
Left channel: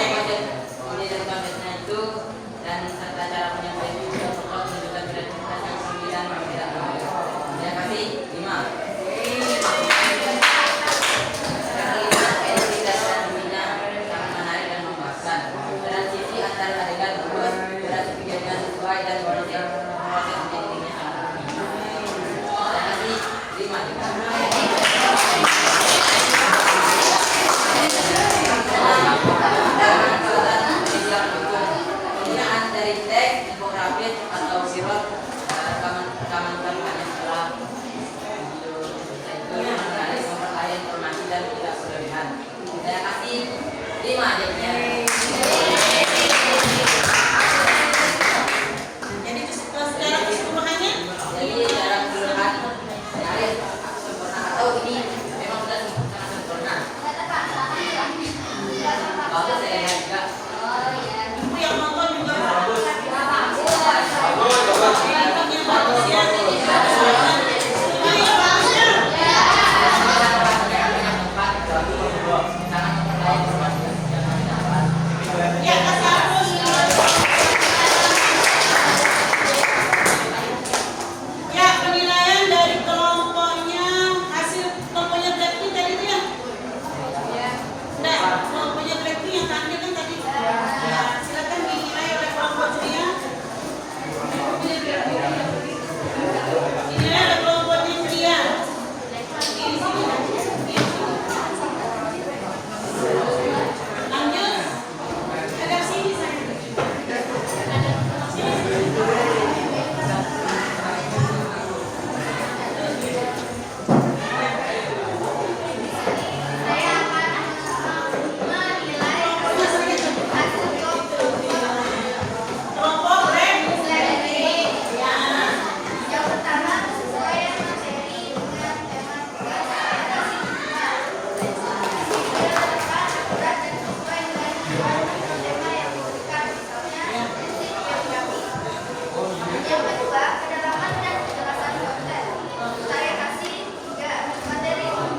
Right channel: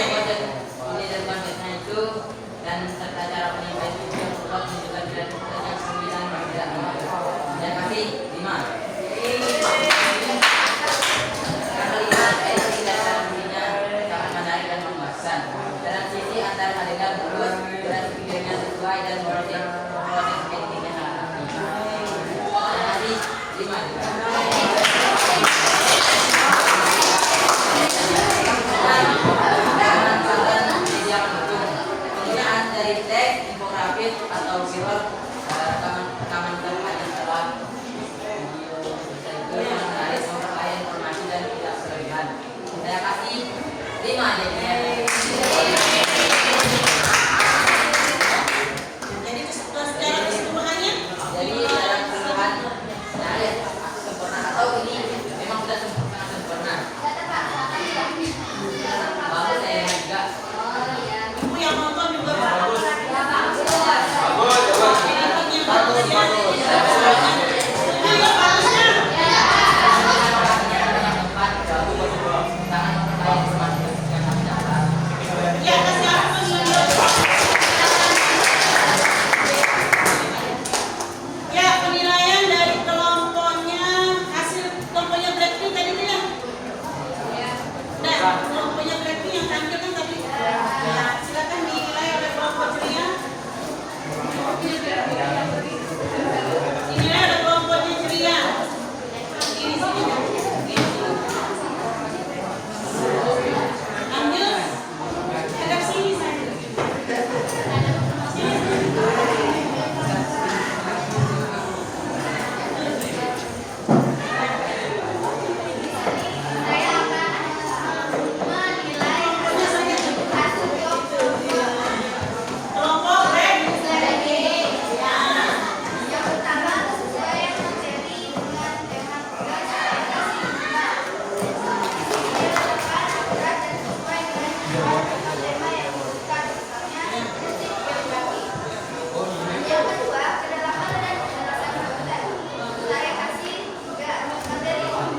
dan konsepnya itu dan serta cara penyampaian itu untuk menunjukkan kreativitas yang sembilan yang tidak mudah. Saya kasih 5. Yang kelima, edisi dan transisinya sangat menarik dan memuaskan. Transisi antara adegan dua durasi videonya sesuai dan proses editingnya sangat rapi. Saya kasih 5 juga. Penggunaan dari teks, infografis atau viral rekaman kalimat yang telah itu yang menarik memperkaya informasi dan tidak berlebihan. Saya kasih 5 jadinya. Jadi secara keseluruhannya Jadi dalam keseluruhan nyaris aku sempurna atau ini memang sudah sangat sempurna. Bagus saya lihat juga. ibu yang nonton juga bagus. Ya, kasih aku ya, penilaian dari kelompoknya, hasil kelompoknya Blackpink tadi itu ya? Udah, kelompoknya Blackpink yang tampil kan tadi? Ya, silakan dinilai oleh kelompok ceria. Dinilai oleh kelompoknya ceria. Ini sini. Lanjut. Agak sini saya. Saya akan menilai hasil Kelompok red. yang pertama sesuai materi dengan tema tugas saya kasih 5. Yang keempat akurat dan sesuai dengan tujuan atau tema yang diberikan, misalnya prinsip geografi. Yang kedua kedalaman dan kejelasan konten saya kasih 3. Materi 4.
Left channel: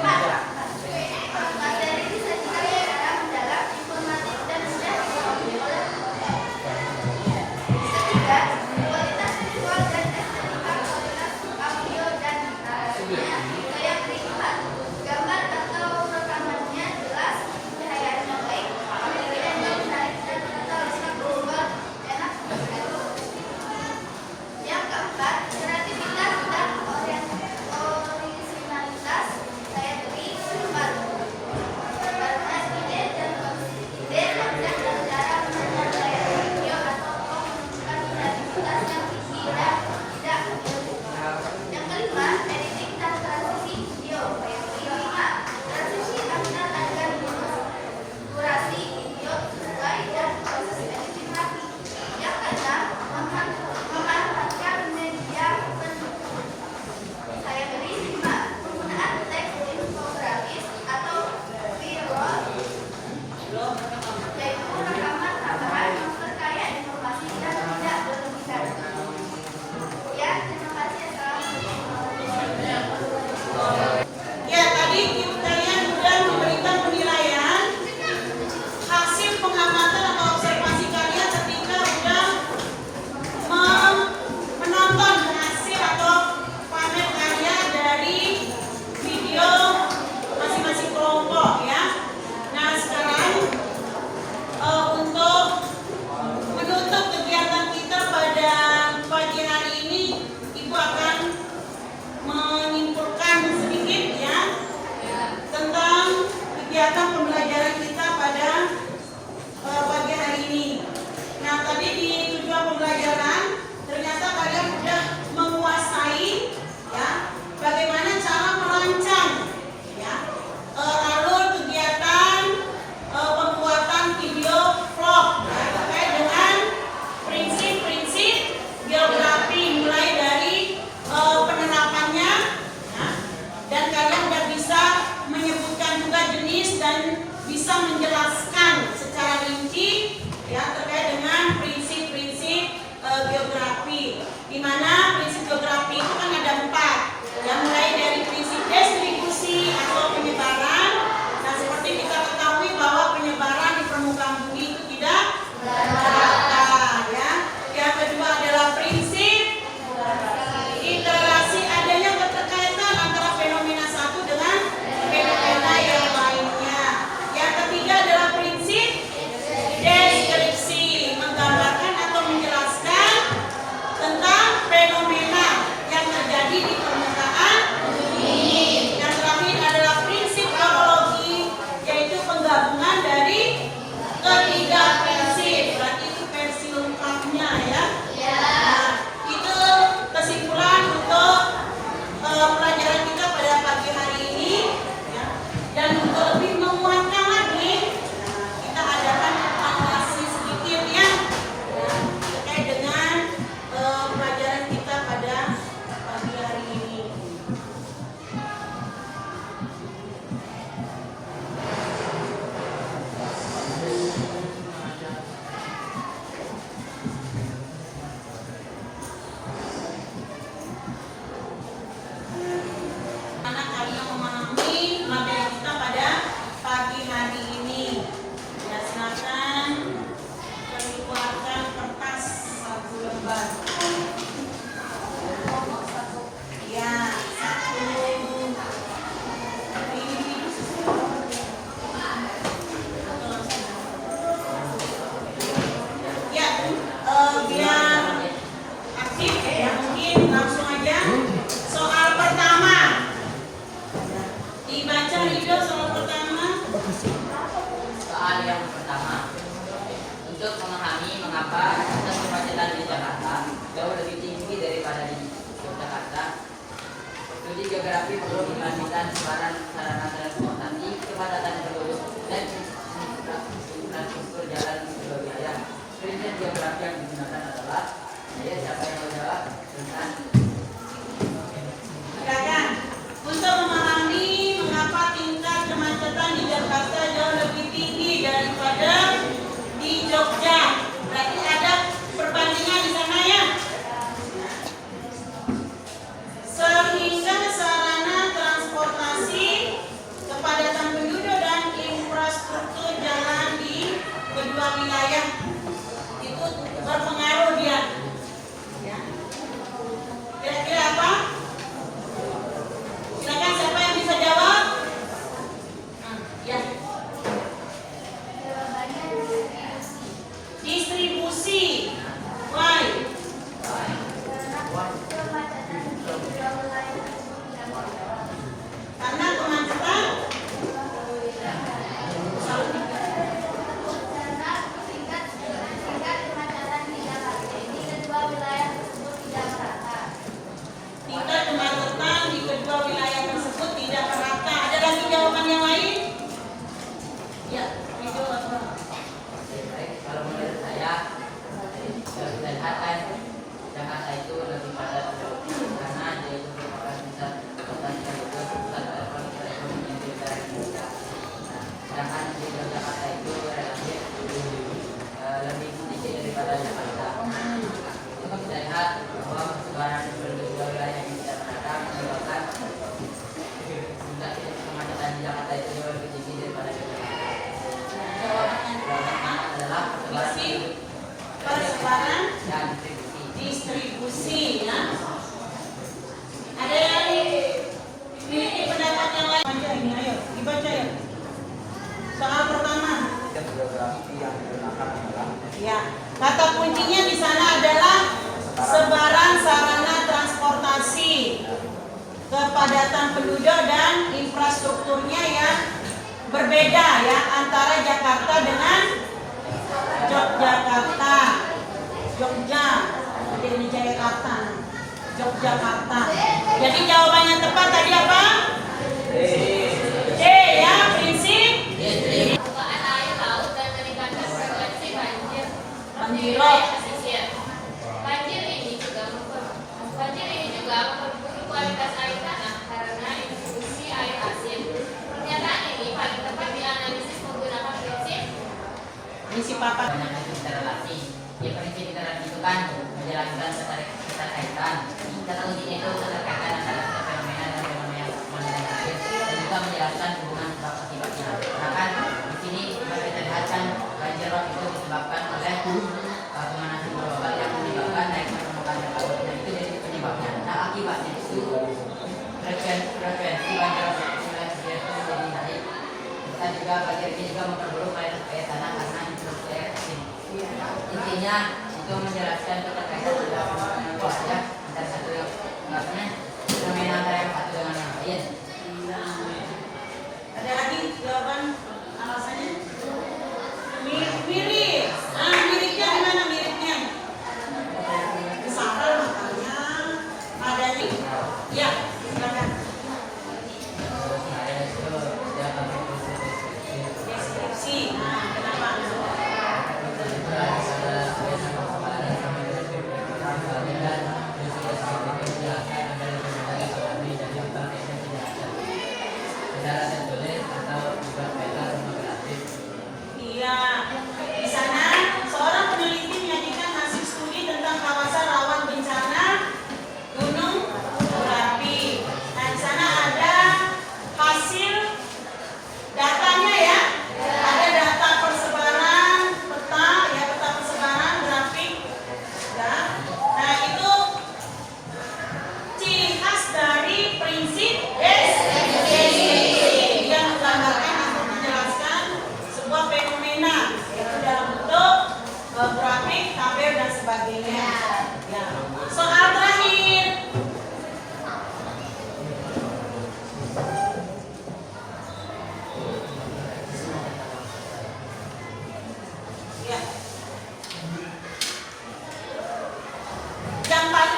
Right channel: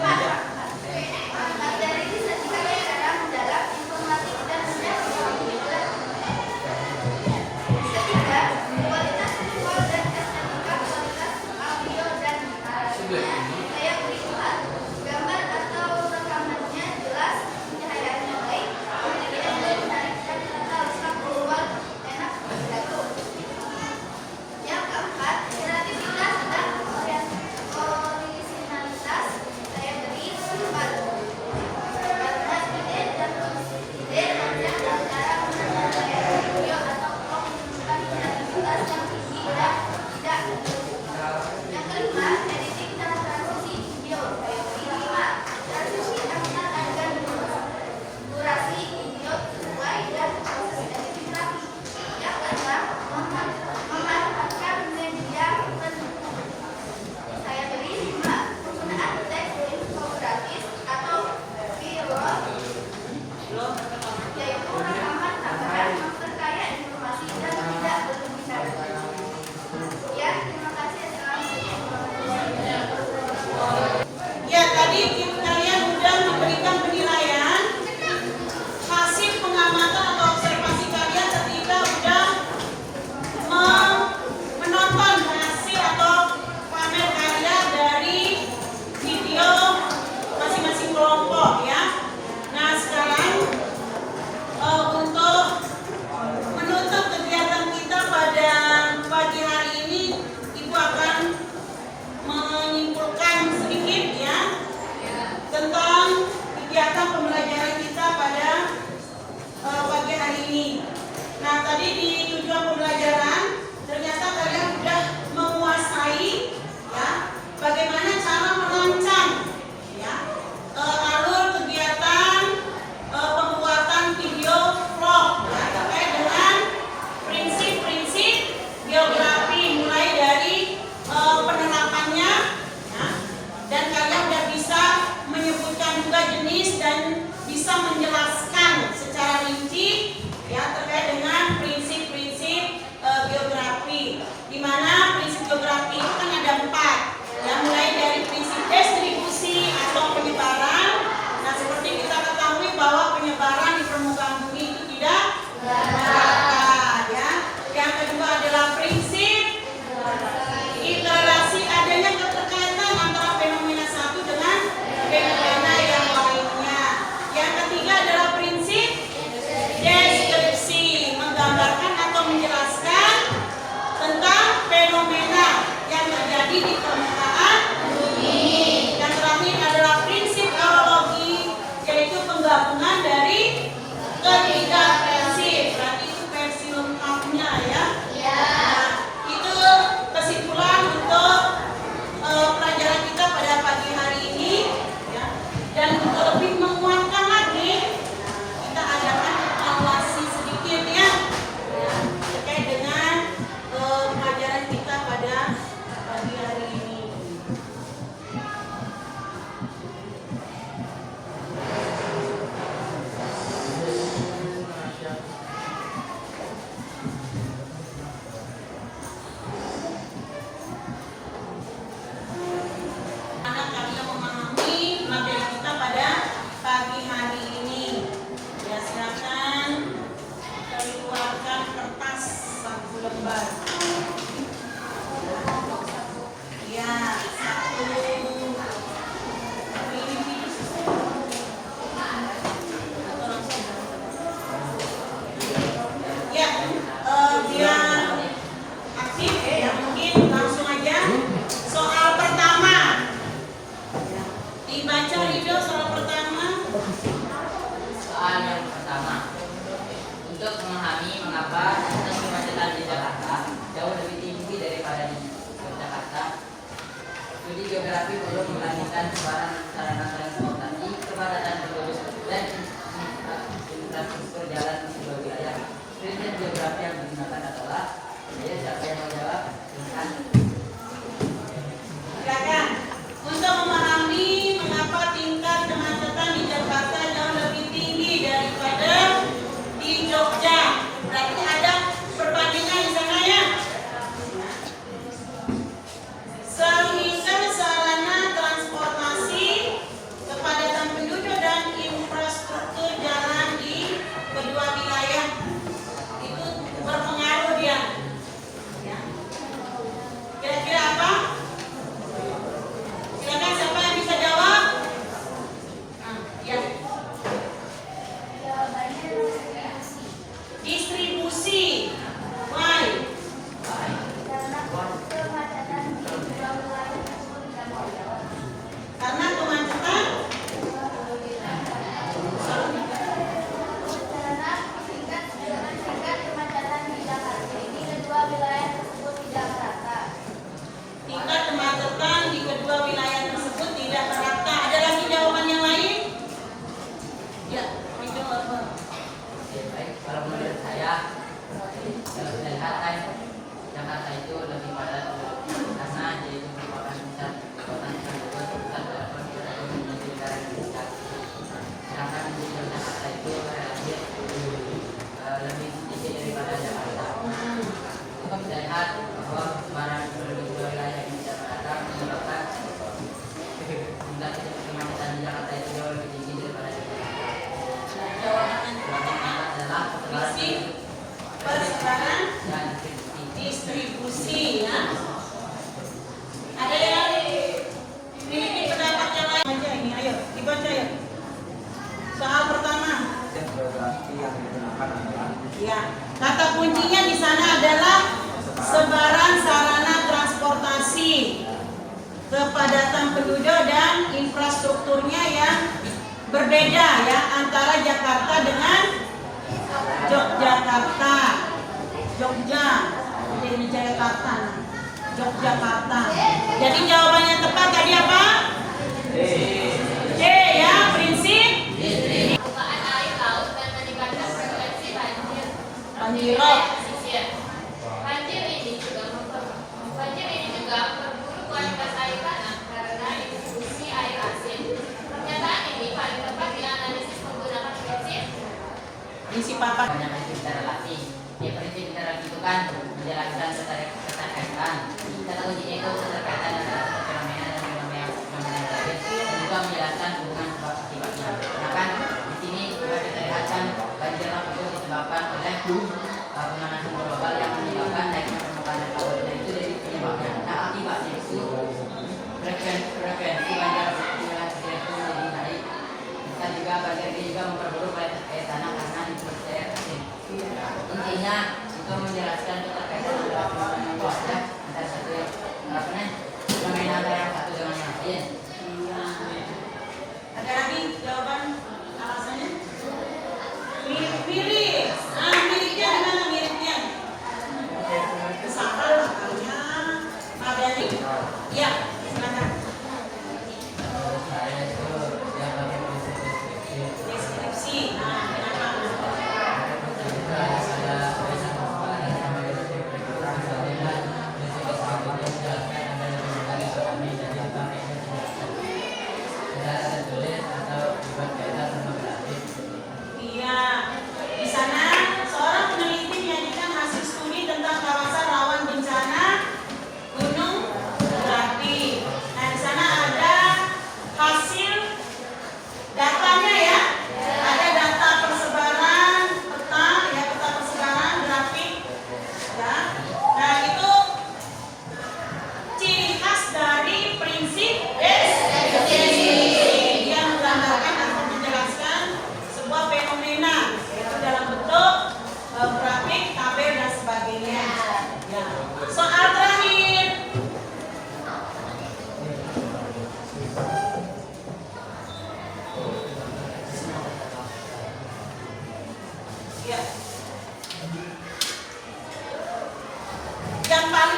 Materi disajikan secara mendalam, informatif dan mudah dipahami oleh penonton. Ketiga, kualitas visual dan estetika kualitas audio dan narasinya saya beri 4. Gambar atau rekamannya jelas, pencahayaannya baik, memiliki angle menarik dan tata letak visual enak dilihat. Yang keempat, kreativitas dan originalitas saya beri 4. Karena ide dan konsep dan cara menyampaikan video atau vlog menunjukkan kreativitas yang tinggi dan tidak berlebihan. Yang kelima, editing dan transisi video saya beri 5. Transisi antar adegan durasi video sesuai dan proses editing rapi. Yang keenam, memanfaatkan media pendukung saya beri 5. Penggunaan teks infografis atau viral yaitu rekaman tambahan memperkaya informasi dan tidak berlebihan. Ya, terima kasih. Assalamualaikum. Ya, tadi kalian sudah memberikan penilaian hasil pengamatan atau observasi kalian ketika sudah mengapa tingkat kemacetan di Jakarta jauh lebih tinggi daripada di Yogyakarta. Studi geografi perlu membandingkan sebaran sarana transportasi, kepadatan penduduk, dan infrastruktur jalan di sebuah wilayah. Prinsip geografi yang digunakan adalah, ya, siapa yang mau jawab? Silakan. Silakan. Untuk memahami mengapa tingkat kemacetan di Jakarta jauh lebih tinggi daripada di Jogja, berarti ada perbandingan di sana ya. Sehingga sarana transportasi, kepadatan penduduk dan infrastruktur jalan di kedua wilayah itu berpengaruh dia. Ya. Kira-kira apa? Silakan, siapa yang bisa jawab? Ya. Jawabannya Distribusi. Why? karena kemacetan Karena tingkat kemacetan di Jakarta di kedua wilayah tersebut tidak merata. tingkat kemacetan di kedua wilayah tersebut tidak merata. Ada lagi jawaban yang lain? Ya, itu apa? Ya, baik. Kalau menurut saya, kalau kita lihat kan Jakarta itu lebih padat karena dia itu merupakan pusat kota sekaligus pusat ekonomi di utara Indonesia. Sedangkan di Jakarta itu relatif lebih sedikit daripada Jakarta. Kita bisa lihat bahwa sebaran penduduk dua wilayah yang tidak merata menyebabkan tingkat kemacetan di Jakarta itu jauh lebih tinggi daripada Jakarta. Jawabannya adalah Persebaran dan distribusi ya. Ada yang memiliki pendapat yang lain? Baca ini, ayo dibaca ya. Soal pertama. Geografi yang digunakan adalah Ya, kata kuncinya di sana adalah sebaran sarana transportasi, kepadatan penduduk dan infrastrukturnya yang berbeda ya antara Jakarta dengan Yogyakarta. Jogja, di Jakarta, Yogyakarta. Jadi jawabannya tepat tadi apa? C ya, prinsip. Pembukaan air laut dan meningkatkan frekuensi banjir di Banjir. wilayah pesisir. Banjir ini juga memperburuk kualitas air tanah karena distribusi air asin. Pernyataan ini paling tepat dianalisis menggunakan Prinsip apa? banyak interrelasi. Ya, prinsip interrelasi itu kan menjelaskan keterkaitan. Kata kuncinya itu keterkaitan antara satu fenomena dan fenomena yang lain, dan juga menjelaskan hubungan sebab akibatnya. Karena kan di sini seperti kita lihat kan banjir rob itu disebabkan oleh pemanasan global yang menyebabkan naiknya permukaan air laut. Nah, itu jadi penyebabnya. Nah, akibatnya itu frekuensi banjir rob itu menjadi naik. Dan juga banjir ini juga memperburuk air tanah karena instruksi air asin. Intinya itu menjelaskan keterkaitan antara fenomena yang ada antara satu fenomena antara yang satu dengan yang lain. Ada lagi jawaban alasannya? Mirip. Ah, miripnya gimana miripnya? Sama makanya adanya. Ya, silakan. Saya itu ya bagian Deskripsi. Nah, kenapa? Iya, di sana seorang peneliti menyajikan hasil studi tentang kawasan rawan bencana gunung berapi. Nah, di sana ada hasil datanya ya. Ada data persebaran peta ya, peta persebaran grafik. Ya. Nah, itu ciri khas dari prinsip deskripsi. Dia menggambarkan atau menjelaskan sebuah fenomena yaitu dalam bentuk grafik, tabel dan sebagainya. Ya. Soal terakhir. Ya. dan paling